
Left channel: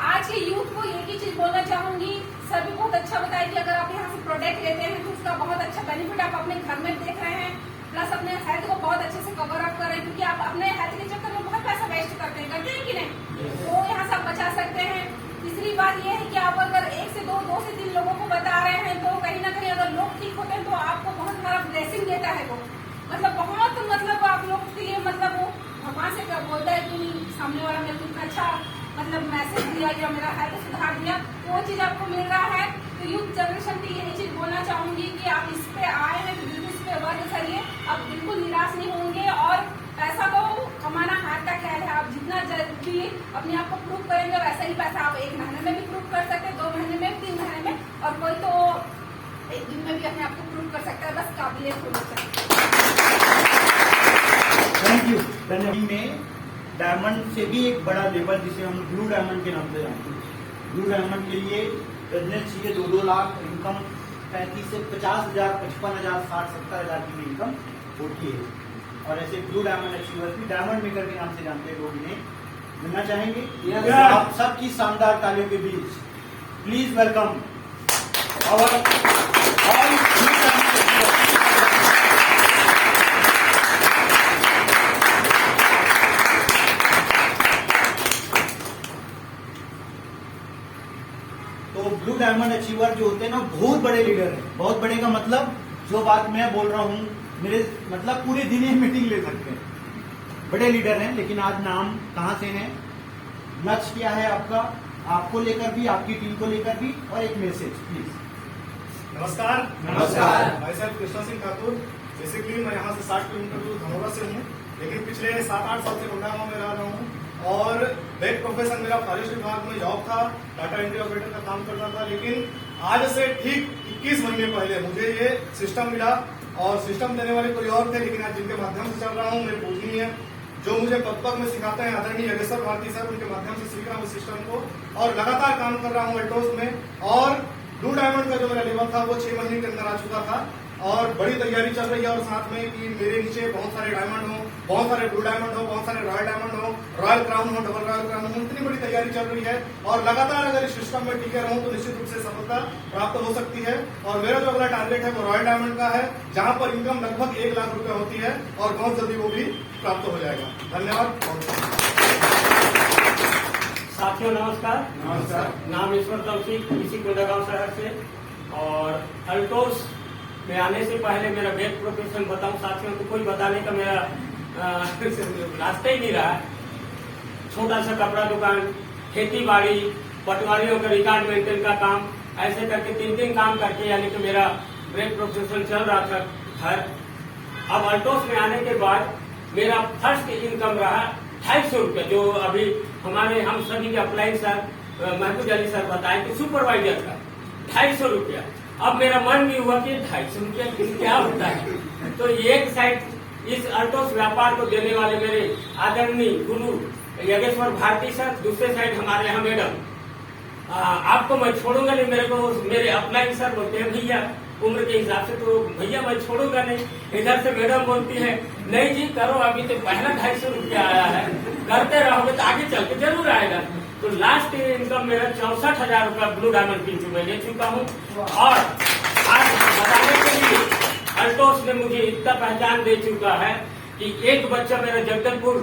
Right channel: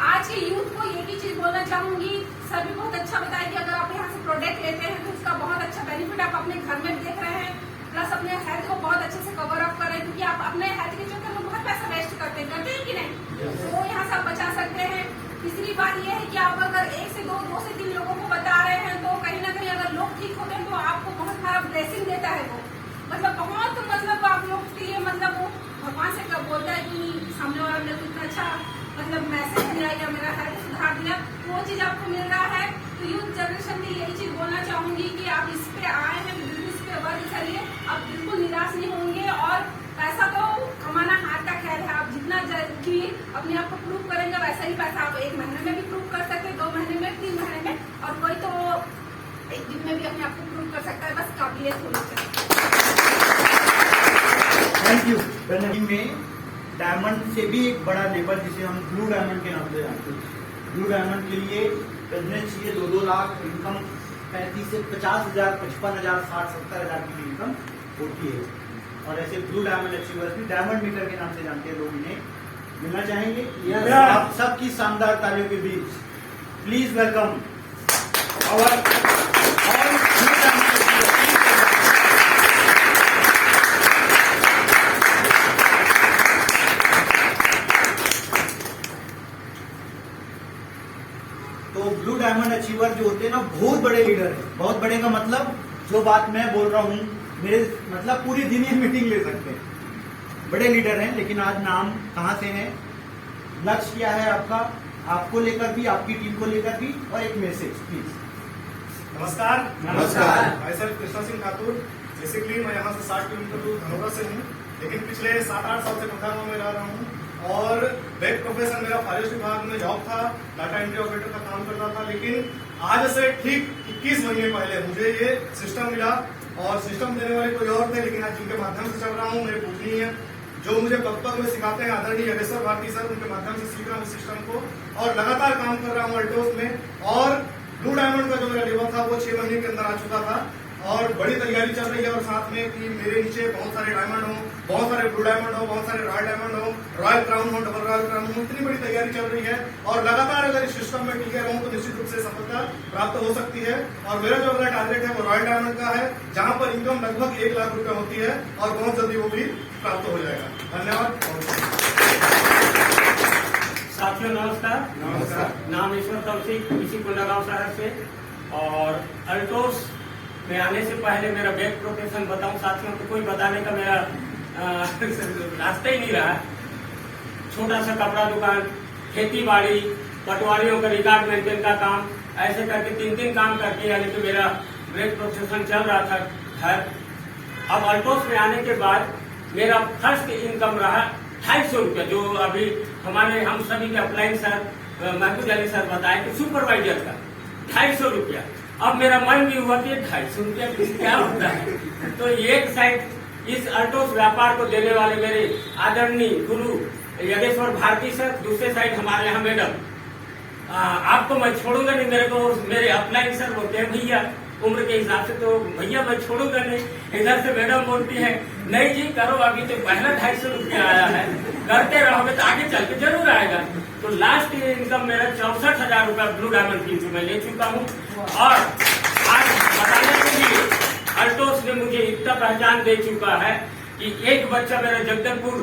आज के यूथ को एक ही चीज बोलना चाहूंगी। सर भी बहुत अच्छा बताया कि अगर आप यहाँ से प्रोडक्ट लेते हैं तो उसका बहुत अच्छा बेनिफिट आप अपने घर में देख रहे हैं, प्लस अपने हेल्थ को बहुत अच्छे से कवर अप करें, क्योंकि आप अपने हेल्थ के चक्कर में बहुत पैसा वेस्ट करते हैं कि नहीं? तो यहाँ से आप बचा सकते हैं। तीसरी बात यह है कि आप अगर 1 से 2, 2 से 3 लोगों को बता रहे हैं तो कहीं ना कहीं अगर लोग ठीक होते हैं तो आपको बहुत सारा ब्लेसिंग देता है वो, मतलब आप लोग के लिए मतलब वो भगवान से क्या बोलता है कि सामने वाला मेरे को इतना अच्छा मतलब मैसेज दिया या मेरा हेल्थ सुधार दिया, तो वो चीज आपको मिल रहा है। तो यूथ जनरेशन के लिए यही चीज बोलना चाहूंगी कि आप इस पे आए हैं, इस पे वर्क करिए, आप बिल्कुल निराश नहीं होंगे। और पैसा तो कमाना हाथ का खेल है, आप जितना जल्दी अपने आप को प्रूव करेंगे वैसा ही पैसा आप 1 महीने में भी प्रूव कर सकते हैं, 2 महीने में, 3 महीने में, और कोई तो 1 दिन में भी अपने आप को प्रूव कर सकता है, बस काबिलियत होनी चाहिए। Thank you. में डायमंड से भी एक बड़ा लेवल जिसे हम ब्लू डायमंड के नाम से जानते हैं। ब्लू डायमंड के लिए बिजनेस के 2-2 लाख इनकम, 35 से 50,000, 55,000, 60, 70,000 की इनकम होती है। और ऐसे ब्लू डायमंड अचीवर्स भी डायमंड मेकर के नाम से जानते हैं लोग, इन्हें मिलना चाहेंगे। आप सबकी शानदार तालियों के बीच प्लीज वेलकम और तो ब्लू डायमंड अचीवर जो होते हैं ना, बहुत बड़े लीडर हैं। बहुत बड़े का मतलब जो बात मैं बोल रहा हूँ, मेरे मतलब पूरी दुनिया मीटिंग ले सकते हैं, बड़े लीडर हैं। लेकिन आज नाम कहाँ से है, लक्ष्य क्या है आपका, आपको लेकर भी, आपकी टीम को लेकर भी, और एक मैसेज प्लीज। नमस्कार। मैं सर कृष्णा सिंह ठाकुर। बेसिकली मैं यहाँ से 60 किलोमीटर दूर धनौरा से हूँ, लेकिन पिछले 7-8 साल से कोंडागांव में रह रहा हूँ। और बैक प्रोफेशन मेरा फॉरेस्ट विभाग में जॉब था, डाटा एंट्री ऑपरेटर का काम कर रहा था। लेकिन आज से ठीक 21 महीने पहले मुझे ये सिस्टम मिला, और सिस्टम देने वाले कोई और थे, लेकिन आज जिनके माध्यम से चल रहा हूँ मेरे पूजनीय जो मुझे कब तक में सिखाते हैं आदरणीय योगेश्वर भारती सर, उनके माध्यम से सीख रहा हूँ सिस्टम को, और लगातार काम कर रहा हूँ अल्टोस में। और ब्लू डायमंड का जो मेरा लेवल था वो 6 महीने के अंदर आ चुका था, और बड़ी तैयारी चल रही है। और साथ में कि मेरे नीचे बहुत सारे डायमंड हो, बहुत सारे ब्लू डायमंड हो, बहुत सारे रॉयल डायमंड हो, रॉयल क्राउन हो, डबल रॉयल क्राउन हो, इतनी बड़ी तैयारी चल रही है। और लगातार अगर इस सिस्टम में टिके रहूं तो निश्चित रूप से सफलता प्राप्त हो सकती है। और मेरा जो अगला टारगेट है वो रॉयल डायमंड का है, जहां पर इनकम लगभग 1 लाख रुपया होती है, और बहुत जल्दी वो भी प्राप्त हो जाएगा। धन्यवाद। साथियों नमस्कार। नाम ईश्वर तौसीफ, इसी कोंडागांव शहर से। और अल्टोस में आने से पहले मेरा बैक प्रोफेशन बताऊं साथियों तो कोई बताने का मेरा रास्ता ही नहीं रहा। छोटा सा कपड़ा दुकान, खेती बाड़ी, पटवारियों का रिकॉर्ड मेंटेन का काम, ऐसे करके 3 काम करके यानी कि मेरा बैक प्रोफेशन चल रहा था घर। अब अल्टोस में आने के बाद मेरा फर्स्ट इनकम रहा 250 रुपया, जो अभी हम सभी के अप्लाइन सर महबूब अली सर बताए कि सुपरवाइजर का 250 रुपया। अब मेरा मन भी हुआ कि 250 रुपया क्या होता है। तो एक साइड इस अल्टोस व्यापार को देने वाले मेरे आदरणीय गुरु योगेश्वर भारती सर, दूसरे साइड हमारे यहाँ मैडम। आपको मैं छोड़ूंगा नहीं, मेरे अपलाइन सर बोलते हैं भैया, उम्र के हिसाब से तो भैया मैं छोड़ूंगा नहीं। इधर से मैडम बोलती है नहीं जी करो, अभी तो पहला 250 रुपया आया है, करते रहोगे तो आगे चल के जरूर आएगा। तो लास्ट इनकम मेरा 64,000 रुपया ब्लू डायमंड की मैं ले चुका हूँ। और आज बताने के लिए अल्टोस ने मुझे इतना पहचान दे चुका है कि एक बच्चा मेरे जगदलपुर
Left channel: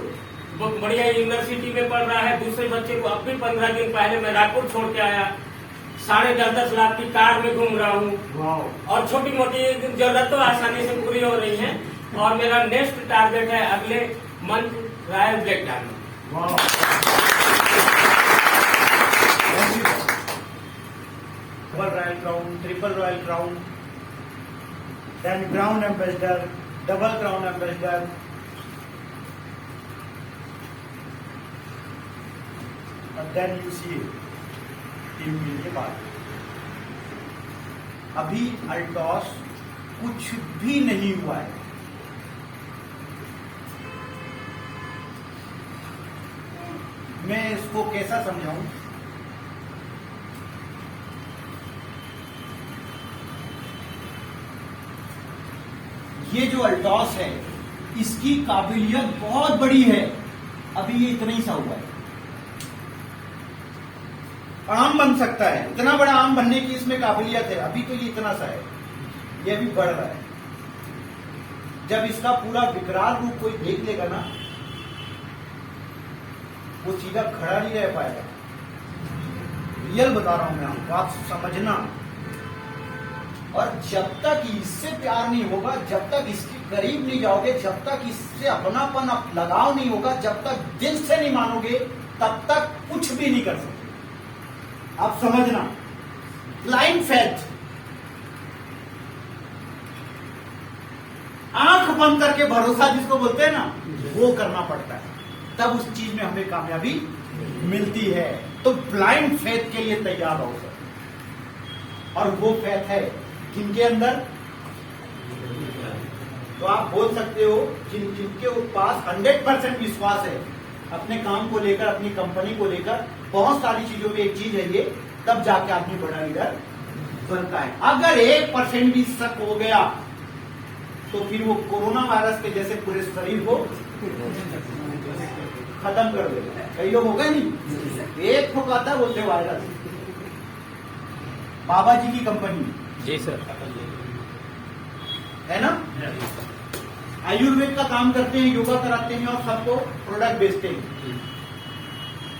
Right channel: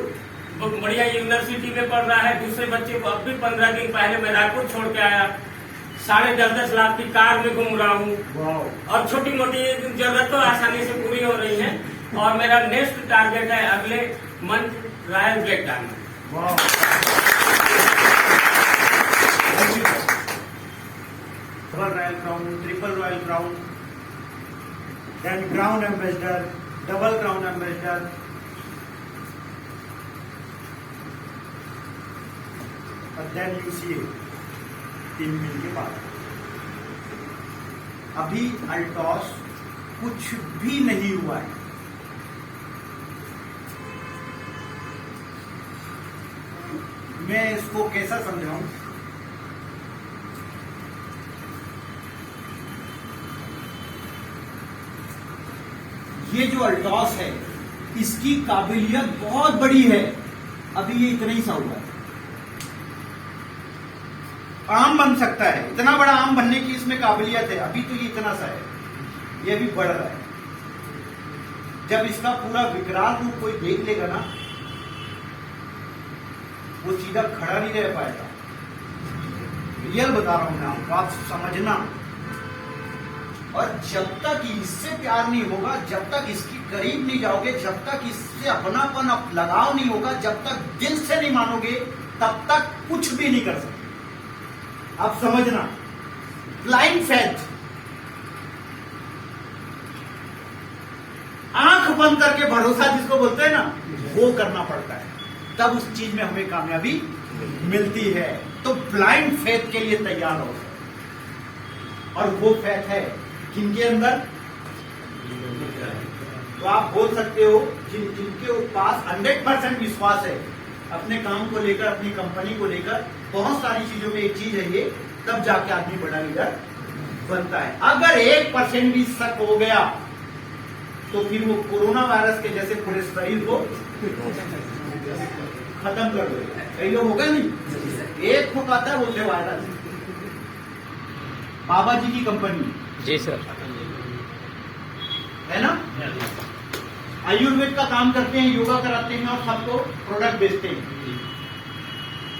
बढ़िया यूनिवर्सिटी में पढ़ रहा है, दूसरे बच्चे को अब भी 15 दिन पहले मैं रायपुर छोड़ के आया। 10.5-10 लाख की कार में घूम रहा हूँ, और छोटी मोटी जरूरत तो आसानी से पूरी हो रही है। और मेरा नेक्स्ट टारगेट है अगले month royal black diamond. Double royal crown, triple royal crown, then crown ambassador, double crown ambassador, और देन यू सी 3 दिन के बाद। अभी अल्टॉस कुछ भी नहीं हुआ है। मैं इसको कैसा समझाऊं? ये जो अल्टॉस है इसकी काबिलियत बहुत बड़ी है, अभी ये इतना ही सा हुआ है। आम बन सकता है, इतना बड़ा आम बनने की इसमें काबिलियत है, अभी तो ये इतना सा है, ये अभी बढ़ रहा है। जब इसका पूरा विकराल रूप कोई देख लेगा ना, वो सीधा खड़ा नहीं रह पाएगा। रियल बता रहा हूं मैं आपको, आप समझना। और जब तक इससे प्यार नहीं होगा, जब तक इसके करीब नहीं जाओगे, जब तक इससे अपनापन लगाव नहीं होगा, जब तक दिल से नहीं मानोगे, तब तक कुछ भी नहीं कर सकते। आप समझना, ब्लाइंड फेथ, आंख बंद करके भरोसा जिसको बोलते हैं ना, वो करना पड़ता है, तब उस चीज में हमें कामयाबी मिलती है। तो ब्लाइंड फेथ के लिए तैयार हो सर। और वो फेथ है जिनके अंदर, तो आप बोल सकते हो जिनके पास 100% विश्वास है अपने काम को लेकर, अपनी कंपनी को लेकर, बहुत सारी चीजों में एक चीज है ये, तब जाके आदमी बड़ा लीडर बनता है। अगर 1% भी शक हो गया तो फिर वो कोरोना वायरस के जैसे पूरे शरीर को खत्म कर देगा। कई लोग होगा नहीं, एक फुकाता है बोलते वायरस। बाबा जी की कंपनी, जी सर, है ना, आयुर्वेद का काम करते हैं, योगा कराते हैं और सबको प्रोडक्ट बेचते हैं।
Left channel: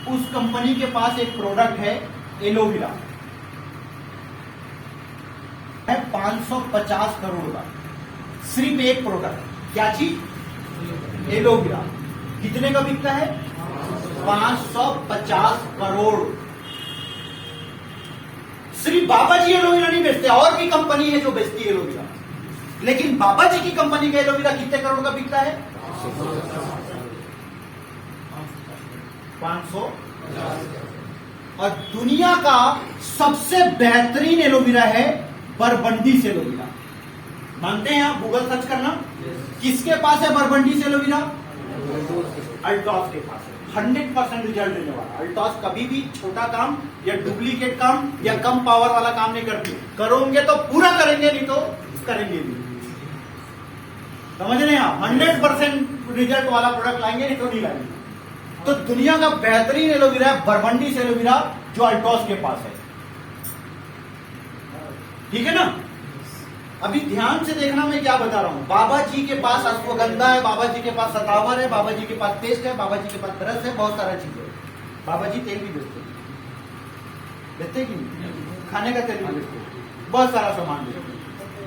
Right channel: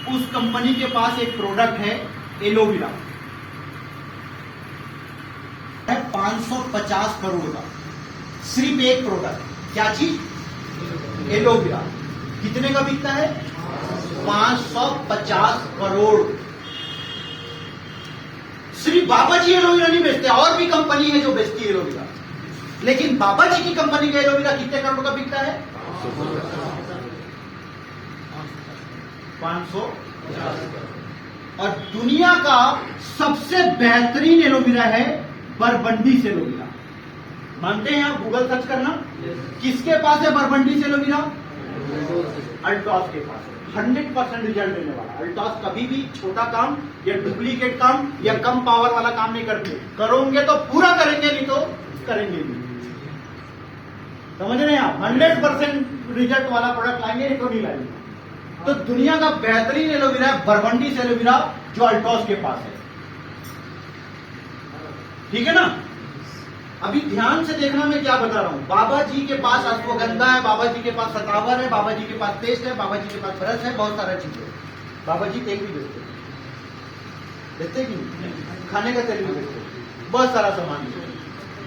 उस कंपनी के पास एक प्रोडक्ट है एलोवेरा, है 550 करोड़ का, सिर्फ एक प्रोडक्ट। क्या चीज? एलोवेरा। कितने का बिकता है? 550 करोड़। सिर्फ बाबा जी एलोवेरा नहीं बेचते, और भी कंपनी है जो बेचती है एलोवेरा, लेकिन बाबा जी की कंपनी का एलोवेरा कितने करोड़ का बिकता है? 500। और दुनिया का सबसे बेहतरीन एलोवेरा है बरबंडी से एलोवेरा। मानते हैं आप? गूगल सर्च करना, किसके पास है बरबंडी से एलोवेरा? अल्टॉस के पास है। 100% रिजल्ट देने वाला। अल्टॉस कभी भी छोटा काम या डुप्लीकेट काम या कम पावर वाला काम नहीं करते। करोगे तो पूरा करेंगे, नहीं तो करेंगे नहीं। समझ रहे हैं आप? 100% रिजल्ट वाला प्रोडक्ट लाएंगे, नहीं तो नहीं लाएंगे। तो दुनिया का बेहतरीन एलोवेरा बरबंडी से एलोवेरा जो अल्टॉस के पास है। ठीक है ना? अभी ध्यान से देखना मैं क्या बता रहा हूं। बाबा जी के पास अश्वगंधा है, बाबा जी के पास सतावर है, बाबा जी के पास पेस्ट है, बाबा जी के पास ब्रश है, बहुत सारा चीज है। बाबा जी तेल भी बेचते हैं, देते कि नहीं? खाने का तेल भी बेचते हैं, बहुत सारा सामान है।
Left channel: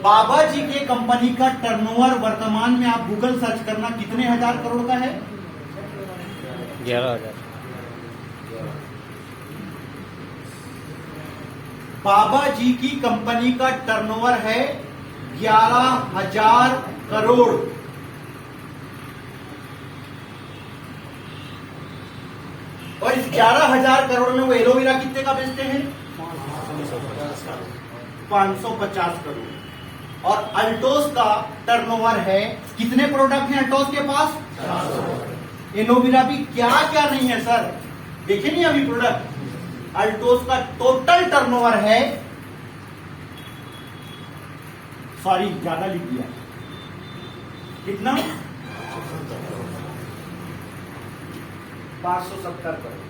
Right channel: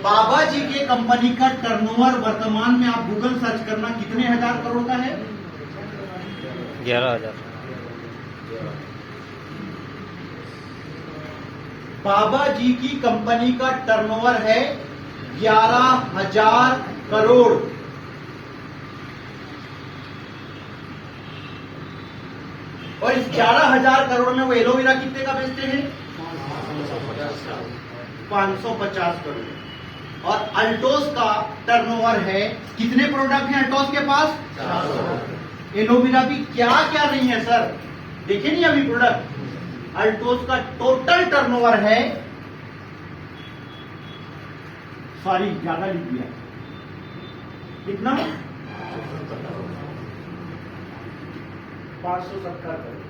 बाबा जी के कंपनी का टर्नओवर वर्तमान में आप गूगल सर्च करना कितने हजार करोड़ का है? 11,000। बाबा जी की कंपनी का टर्नओवर है 11,000 करोड़। और इस 11,000 करोड़ में वो एलोवेरा कितने का बेचते हैं? 550 करोड़। और अल्टोस का टर्नओवर है, कितने प्रोडक्ट हैं अल्टोस के पास? 400। एलोवेरा भी क्या क्या नहीं है सर, देखे नहीं अभी प्रोडक्ट। अल्टोस का टोटल टर्नओवर है, सॉरी ज्यादा लिख दिया, कितना? 570 करोड़।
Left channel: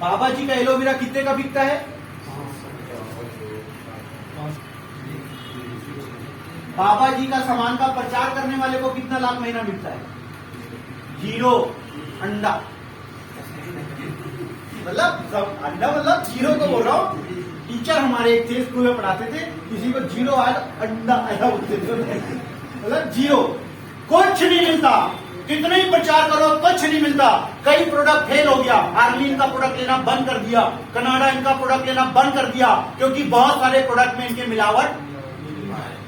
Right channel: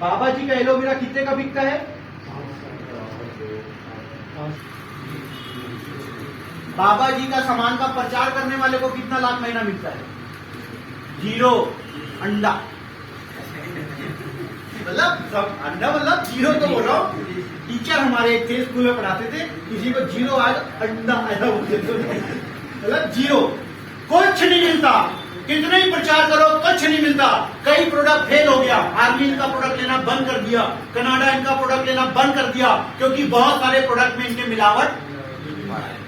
बाबा जी का एलोवेरा कितने का बिकता है? बाबा जी का सामान का प्रचार करने वाले को कितना लाख महीना मिलता है? 0 अंडा। मतलब सब अंडा, मतलब 0 तो बोल रहा हूं, टीचर हमारे एक थे, स्कूल में पढ़ाते थे, किसी को 0 आया अंडा आया बोलते थे, मतलब 0, कुछ नहीं मिलता, कितने ही प्रचार करो कुछ नहीं मिलता। कई प्रोडक्ट फेल हो गया, आर्मी इनका प्रोडक्ट लेना बंद कर दिया, कनाडा इनका प्रोडक्ट लेना बंद कर दिया, क्योंकि बहुत सारे प्रोडक्ट में इनके मिलावट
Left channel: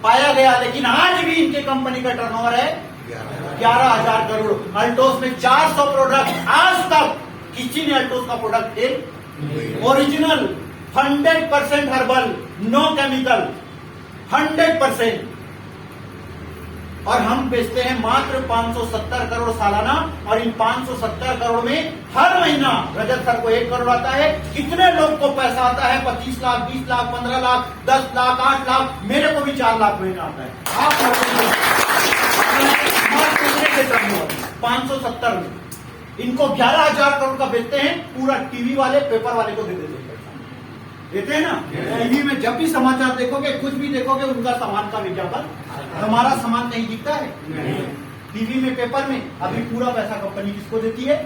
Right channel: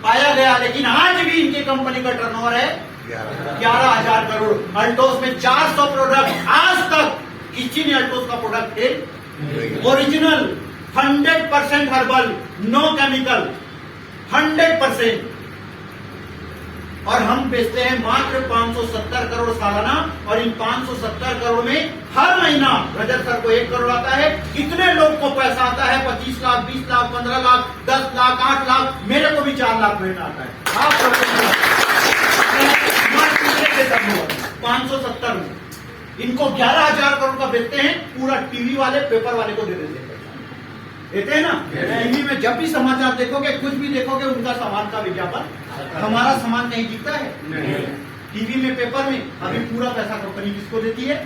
पाया गया। लेकिन आज भी इनके कंपनी का टर्नओवर है 11,000 करोड़। अल्टोस में 400 प्रोडक्ट, आज तक किसी ने अल्टोस का product fail, original 100% herbal, no chemical, 100%, और हम बेचते हैं मात्र 570 करोड़ सालाना। और इन 570 करोड़ में हर महीना रजत सर को 1 करोड़ आता है। कितने लोग को पैसा आता है? 25 लाख, 20 लाख, 15 लाख, 10 लाख, 8 लाख, मेरे को भी 4 लाख महीना आता है। आप लोगों 570 में इनको 11,000 करोड़ का बेचते हैं, पूरा टीवी वाले पेपर वाले को दे देते हैं ना। टीवी में जब भी समाचार देखोगे, कुछ भी देखोगे, उनका सामान का विज्ञापन, हमारा सामान नहीं दिखता है टीवी में, पेपर में। अभी पूरा पैसा कंपनी किसको देती है?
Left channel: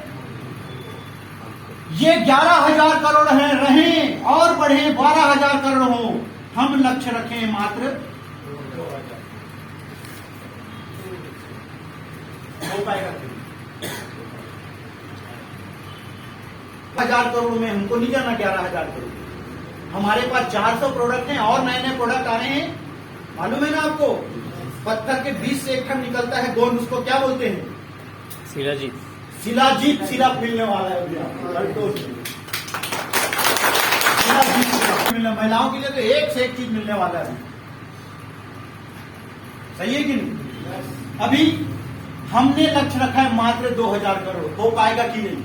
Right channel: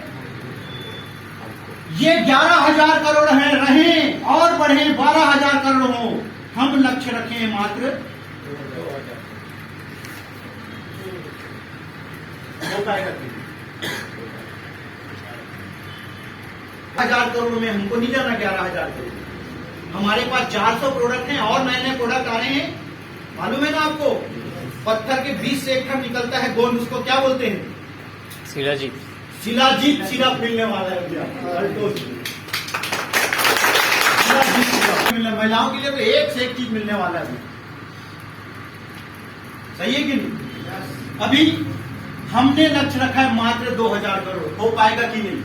ये 11,000 करोड़ हैं, रहें और बढ़े, 12,000 करोड़ हो। हम लक्ष्य रखें मात्र 1,000 करोड़ में हमको नहीं जाना 11,000 करोड़। हमारे पास 400 प्रोडक्ट हैं और नए नए प्रोडक्ट आ रहे हैं, मालूम है ना आपको? पत्थर के बीच से एक खंड निकलता है गोंद, उसको क्या बोलते हैं? शिलाजीत। शिलाजीत सिरप मिलने वाला है अल्टोस में। शिलाजीत सिरप मिलने, महिलाओं के लिए तो एक से एक चीज मिलने वाला है। सही है कि नहीं? अभी हमने लक्ष्य रखा है मात्र 2,000 करोड़। हो पाएगा कि नहीं?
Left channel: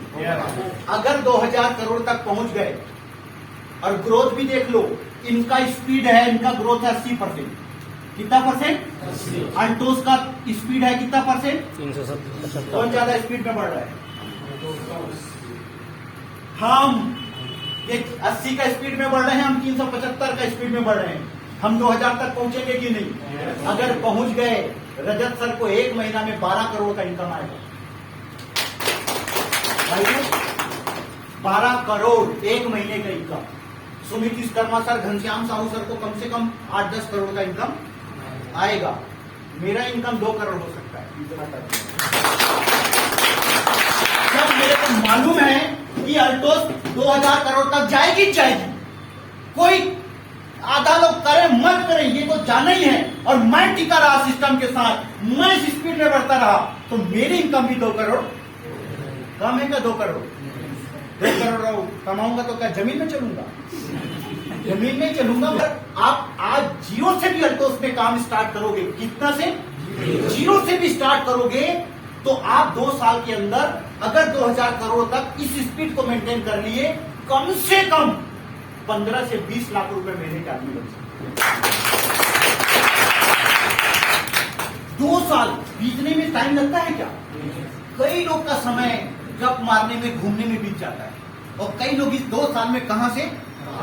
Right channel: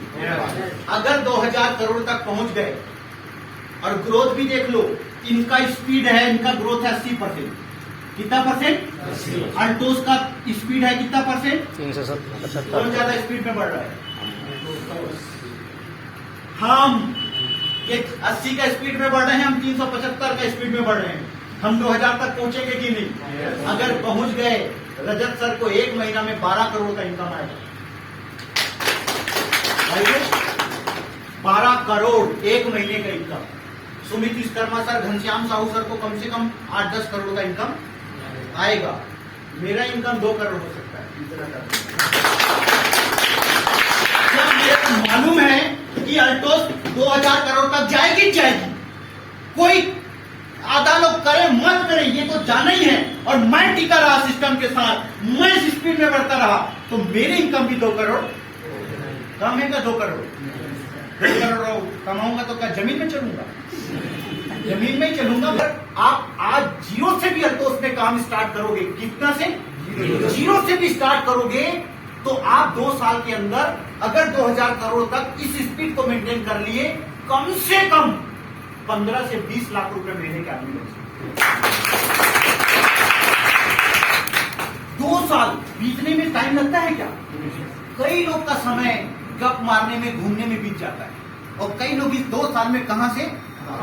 अगर 2,000 करोड़ तक पहुंच गए, और ग्रोथ भी देख लो, इनका स्पीड है, इनका ग्रोथ है 80%। कितना %? अल्टोस का स्पीड है कितना %? 375। बहुत ज्यादा स्पीड में बढ़ रहा है। हम ये 80 का स्पीड में बढ़ रहे हैं, हम 375 का स्पीड में बढ़ रहे हैं। हम 2,000 तक पहुंचेंगे कि नहीं? अगर पहुंच गए, रजत सर को 1 महीना में 12 करोड़ का इनकम आएगा। 12 करोड़ 1 महीने का income. Sumit Vishwakarma sir, Ghanshyam Sahu sir को कम से कम 8-10 करोड़ का इनकम आएगा। मेरा इनकम 2 करोड़ हो सकता है इतना जब मेरे को मालूम है कि अल्टोस 2,000 करोड़ तक जाएगी जाएगी। कोई आधा लोग करे मत करे, ये तो जाना ही है। और मैं टिका रहा सिस्टम के साथ, मैं इस स्पीड में बढ़ता रहा, तो मेरी इनकम भी 2 करोड़ कम है क्या? 2 करोड़ 2 करोड़ कमाऊंगा तो क्या जमीन में चलूंगा? जमीन में ही चलूंगा। आप आज 0 से भी अल्टोस में काम स्टार्ट करोगे, कितना से? 0 से भी स्टार्ट करोगे, तो आप 2 साल के अंदर अगर 2,000 करोड़ तक इस स्पीड को मेंटेन कर लिए, कम से कम 15 से 20 लाख रुपए महीने का आदमी बन सकते। 2 साल बीतने में टाइम लगता है क्या? कई लोग का समय गप मारने में, घूमने में बीत जाता है, और कई लोग इस 2 साल में कहां से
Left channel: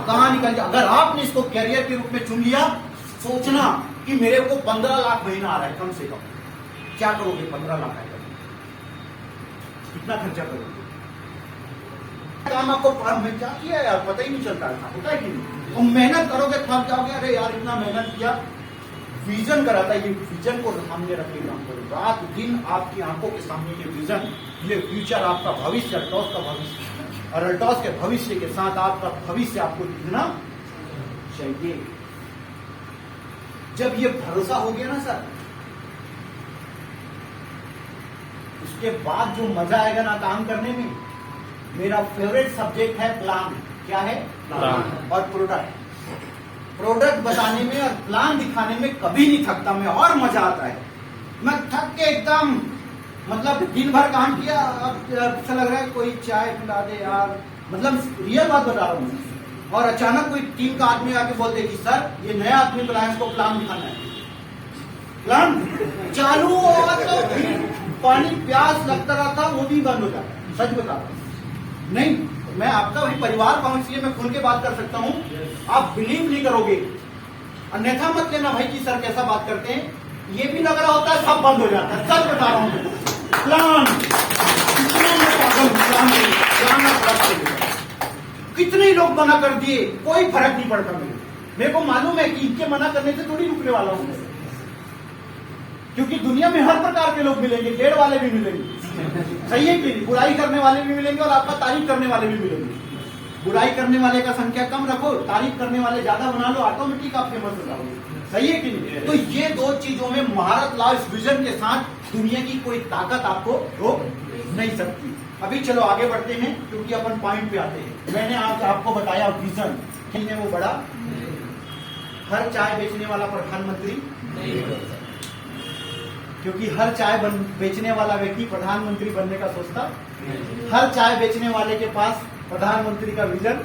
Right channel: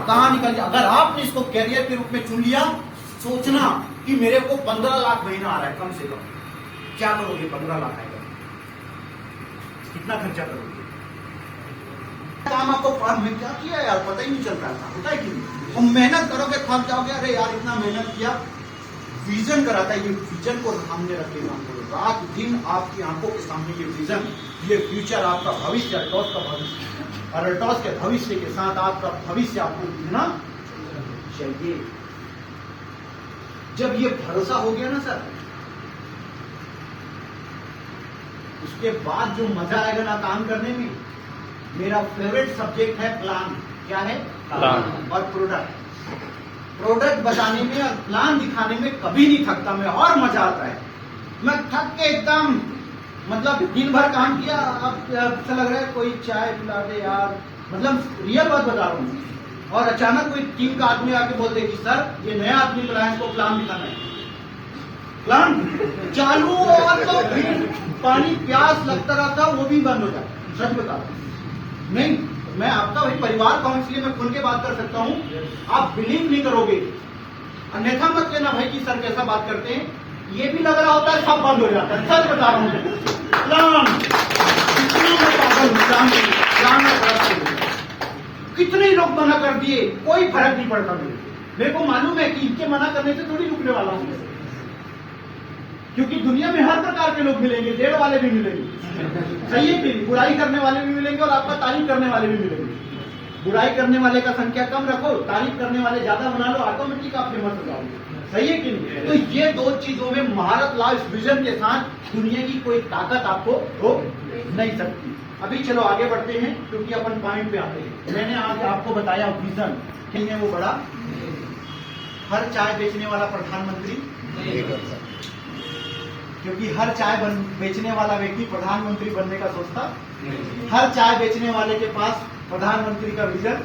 कहां निकल जाए। अगर आपने इसको कैरियर के रूप में चुन लिया, सोचना कि मेरे को 15 लाख महीना आ रहा है कम से कम, क्या करोगे? 15 लाख आएगा, कितना खर्चा करोगे? काम आपको में क्या किया यार, पता ही नहीं चलता था, होता है कि नहीं? हम मेहनत करोगे, थक जाओगे, अरे यार इतना मेहनत किया। विजन कराता है, ये विजन को सामने रख के काम करो, रात दिन आपकी आंखों के सामने ये विजन, ये फ्यूचर, आपका भविष्य, अल्टोस का भविष्य, और अल्टोस के भविष्य के साथ आपका भविष्य आपको दिखना चाहिए। जब ये भरोसा हो गया ना सर, उसके बाद जो मजा आएगा ना काम करने में। मेरा फेवरेट सब्जेक्ट है प्लान। क्या है? प्लान। और प्रोडक्ट बताने में और प्लान दिखाने में कभी नहीं थकता मैं, और मजा आता है। मैं थक के एकदम, मतलब दिन भर काम किया, अब अच्छा लग रहा है कोई चाय पिला दे यार, मतलब रियल बात बता रहा हूँ। और अचानक कोई टीम का आदमी आके बोल दे कि सर ये नया आदमी तो लाया, इसको प्लान दिखाना है। प्लान चालू और तो फिर पानी प्यास लगता रहता, वो भी बंद हो जाता। सच बता रहा हूं। नहीं, मैं आपका वही परिवार का हूं, इसलिए मैं खुल के बात कर सकता हूं। आप बिलीव नहीं करोगे, अन्यथा मत लेना भाई कि सर कैसा बात करते हैं। ये भी लग रहा होता है सब बंद हो जाता है। सच बता रहा हूं। प्लान इतना मैं पागल हूं, प्लान में कितने लोग मना कर दिए, कोई फर्क नहीं पड़ता मेरे को मालूम है कि इनके मना करने से थोड़ी रुकने वाला हूं, क्योंकि दुनिया में हर प्रकार के लोग मिलेंगे, देर वाले भी मिलेंगे, सही है कि बुराई करने वाले भी मिलेंगे और आपका तारीफ करने वाले भी मिलेंगे। बुराई करने वाले का संख्या कम रखो, तारीफ करने वाले ज्यादा बना लो, ऑटोमेटिक आप फेमस हो जाओगे, सही है कि नहीं? तो ये दो चीजों में महारत लाओ, इस विजन के साथ दुनिया की कोई ताकत आपको रोक नहीं सकती। अभी चलो आगे बढ़ते हैं, क्योंकि अपन पॉइंट पे आते हैं। मैंने आज आपको बताया विजन नहीं है वो बड़ा, हर चाय बेचने वाला प्रधानमंत्री नहीं बनता, क्योंकि हर चाय बेचने वाला व्यक्ति प्रधानमंत्री बनने का सोचता, हर चाय बेचने वाले के पास प्रधानमंत्री का विजन,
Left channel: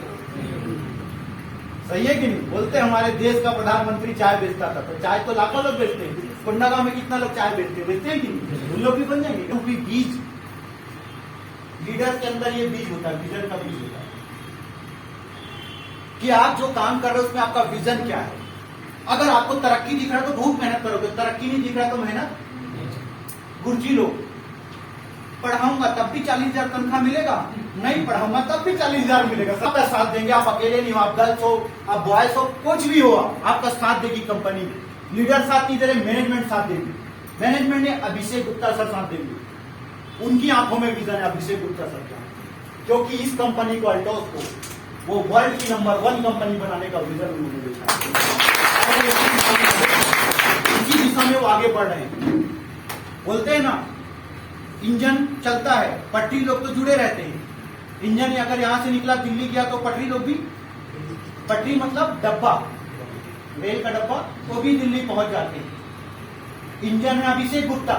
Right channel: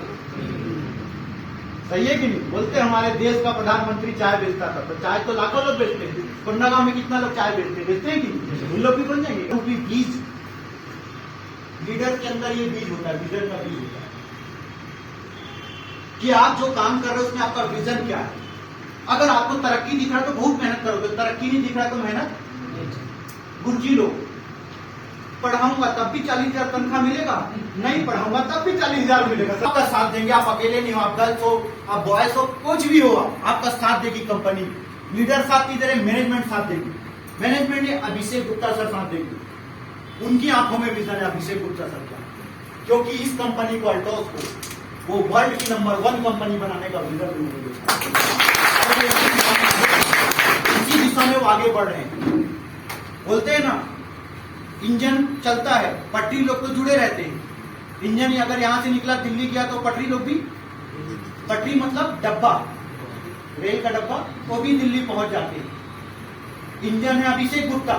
सही है कि नहीं? बोलते हमारे देश का प्रधानमंत्री चाय बेचता था, तो चाय तो लाखों लोग बेचते हैं, कोंडागांव में कितना लोग चाय बेचते हैं कि नहीं? उन लोग भी बन जाएंगे, क्योंकि बीज लीडर के अंदर ये बीज होता है, लीडर का बीज होता है कि आप जो काम कर रहे हो उसमें आपका विजन क्या है। अगर आपको तरक्की दिख रहा है तो बहुत मेहनत करोगे, तरक्की नहीं दिख रहा तो मेहनत, गुरुजी लोग पढ़ाऊंगा तब भी 40,000 तनख्वाह मिलेगा, नहीं पढ़ाऊंगा तब भी 40,000 मिलेगा, सबका साथ देंगे। आप अकेले नहीं हो, आप गर्ल्स हो, आप बॉयज हो, कुछ भी हो, आपका साथ देगी कंपनी। लीडर साथ की तरह मैनेजमेंट साथ देगी, मैनेजमेंट ने अभिषेक गुप्ता सर साथ देंगे, उनकी आंखों में विजन है अभिषेक गुप्ता सर का, क्योंकि इस कंपनी को, अल्टोस को, वो वर्ल्ड की नंबर 1 कंपनी बनाने का विजन उन्होंने देखा, इसी दिशा में वो आगे बढ़ रहे हैं। बोलते हैं ना, इंजन चलता है, पटरी लोग तो जुड़े रहते हैं, इंजन अगर यहां से निकला दिल्ली गया तो पटरी लोग भी, पटरी मतलब डब्बा, रेल का डब्बा, तो भी दिल्ली पहुंच जाते हैं। इंजन है अभिषेक गुप्ता,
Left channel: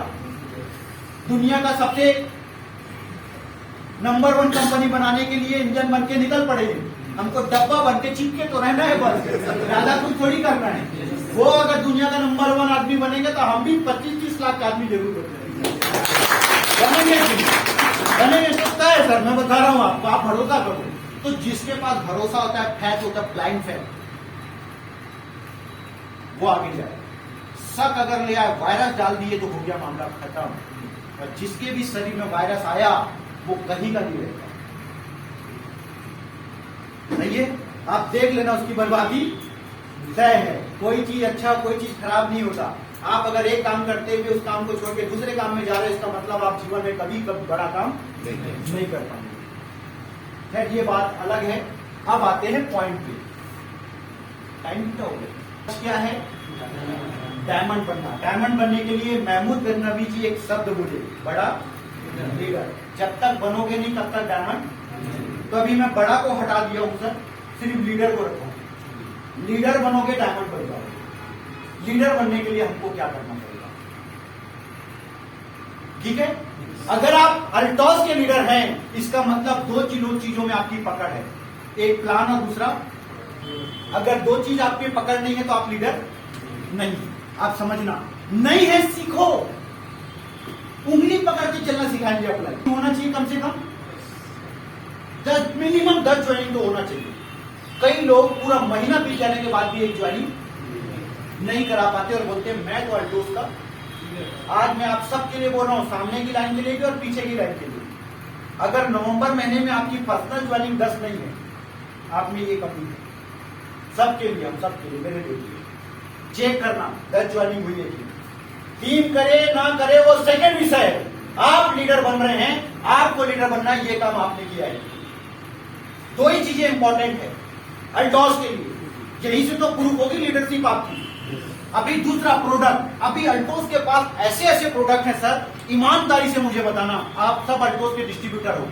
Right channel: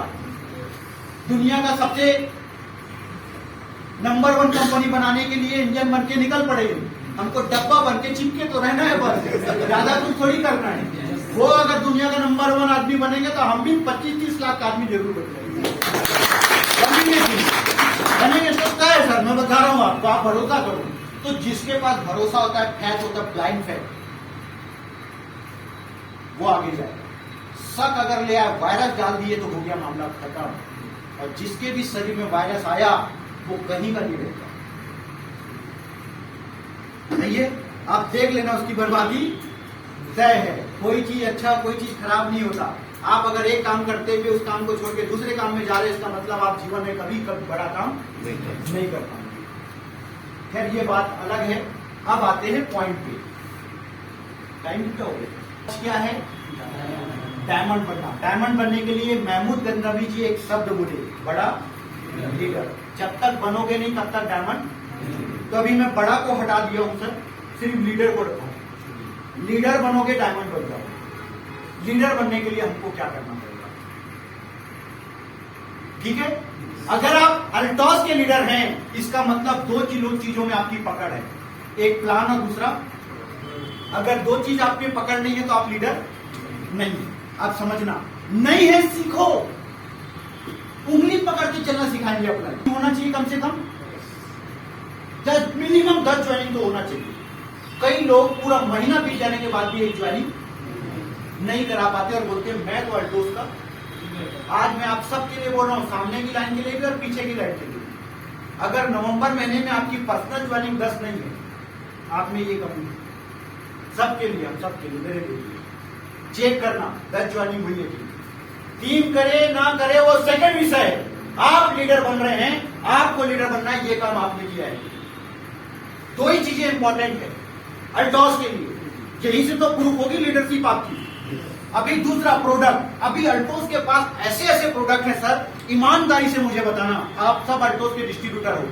दुनिया का सबसे नंबर 1 कंपनी बनाने के लिए इंजन बन के निकल पड़ेगी, हमको डब्बा बन के चिपके तो रहना है, बस ज्यादा कुछ थोड़ी करना है। वो अगर दुनिया का नंबर 1 आदमी बनेंगे तो हम भी 25-30 लाख आदमी जरूर बनेंगे, सकता है सर, मैं बता रहा हूं आपको, आप भरोसा करो। तो जिसके पास भरोसा होता है, फैथ होता है, ब्लाइंड फैथ, वो आगे जाए। शक अगर ले आए, वायरस डाल दिए तो हो गया मामला खत्म, और जिसके भी शरीर में वायरस आया वो कहीं का नहीं रहता, सही है? आप देख लेना, उसकी बर्बादी तय है। कोई चीज अच्छा, कोई चीज खराब नहीं होता। आप अगर एक काम करते हुए उस काम को छोड़ के दूसरे काम में जा रहे हैं, इसका मतलब आप जीवन में कभी बड़ा काम नहीं कर पाएंगे। खैर ये बात अलग है। अब आते हैं पॉइंट पे। टाइम क्या हो गया? क्या है? डायमंड बनना। डायमंड बनने के लिए महमूद गजनवी जी एक शब्द बोले, बड़ा लीडर। जब तक बनोगे नहीं तब तक डायमंड। तो अभी मैं बड़ा को हटा दिया हूं सर, सिर्फ लीडर को रखा हूं। लीडर बनोगे डायमंड बन जाओगे। लीडर बनने के लिए हमको क्या करना पड़ेगा? ठीक है, अगर आप अल्टोस के लीडर हैं, इसका मतलब दो चीजों में आपकी पकड़ है, एक प्लान और दूसरा, अगर दो चीज आप में पकड़ नहीं है तो आप लीडर नहीं। आप समझना, नहीं है सीखो, उंगली पकड़ के चलना सिखाएंगे। अपना होना चाहिए कम से कम 10 मिनिमम 10 ज्वाइनिंग तो होना चाहिए। कई लोग पूरा महीना बीत जाने के बाद भी एक ज्वाइनिंग नहीं करा पाते और बोलते मैं तो अल्टोस का। आज मैं आप सबके लिए बोल रहा हूं, सामने की लाइन के लिए भी और पीछे की लाइन के लिए। अगर नवंबर महीने में आपकी पर्सनल ज्वाइनिंग 10 नहीं है, आप में ये कमी है। सबके लिए, हम सबके लिए, मेरे लिए चेक करना 10 ज्वाइनिंग हुई है। टीम करे ना करे वो सेकंड विषय है। आप लीडर बन रहे हैं, आपको लीडर बनना है, ये काम आपने किया है। दो ही चीजें इंपॉर्टेंट है अल्टोस के लिए, यही से तो प्रूफ होगी लीडरशिप आपकी। अभी दूसरा प्रोडक्ट, अभी अल्टोस के पास ऐसे ऐसे प्रोडक्ट हैं सर, ईमानदारी से मुझे बताना, आप सब अल्टोस के डिस्ट्रीब्यूटर हो,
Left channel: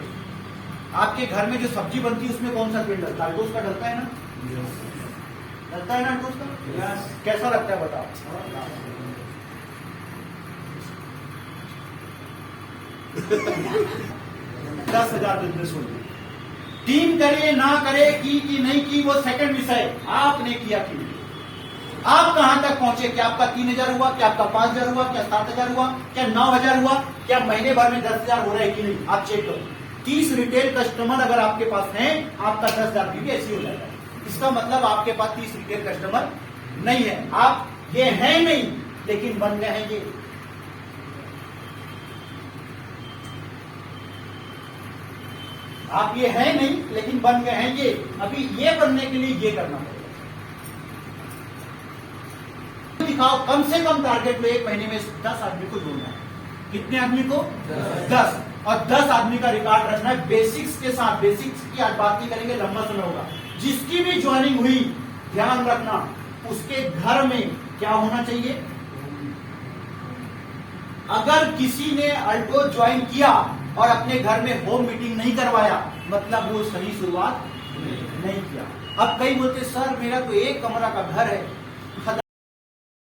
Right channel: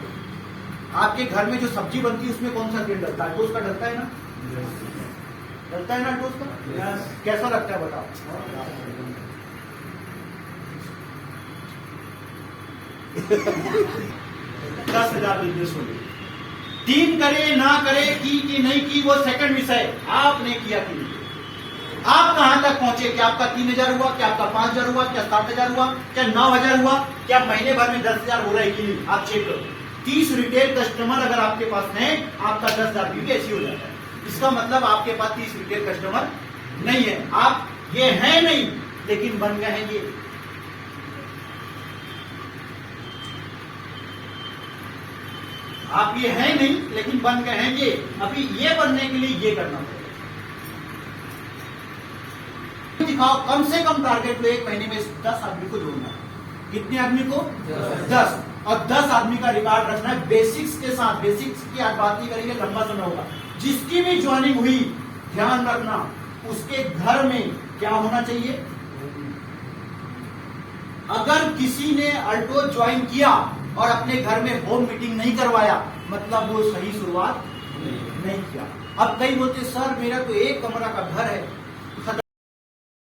आपके घर में जो सब्जी बनती है उसमें कौन सा तेल डलता है? अल्टोस का डलता है ना? डलता है ना अल्टोस का? कैसा लगता है बताओ? 10,000 बिजनेस होंगे। टीम करे ना करे, की नहीं की, वो सेकंड विषय। आपने किया कि नहीं? आप कहां तक पहुंचे? क्या आपका 3,000 हुआ? क्या आपका 5,000 हुआ? क्या 7,000 हुआ? क्या 9,000 हुआ? क्या महीने भर में 10,000 हो रहा है कि नहीं? आप चेक करो। 30 रिटेल कस्टमर अगर आपके पास हैं, आपका 10,000 भी ऐसी हो जाता है। इसका मतलब आपके पास 30 रिटेल कस्टमर नहीं है। आप ये है नहीं, लेकिन बन गए हैं ये। आप ये हैं नहीं, लेकिन बन गए हैं ये। अभी ये बनने के लिए ये करना पड़ेगा। दिखाओ, कम से कम टारगेट लो, 1 महीने में 10 आदमी को जोड़ना है। कितने आदमी को? 10। और 10 आदमी का रिकॉर्ड रखना है बेसिक्स के साथ। बेसिक्स की आज बात नहीं करेंगे, लंबा समय होगा। जिसकी भी ज्वाइनिंग हुई, ध्यान रखना उसके घर में क्या होना चाहिए। अगर किसी ने अल्टो ज्वाइन किया और अपने घर में होम मीटिंग नहीं करवाया, मतलब वो सही शुरुआत नहीं किया। अब कई बोलते सर मेरा तो 1 कमरा का घर है,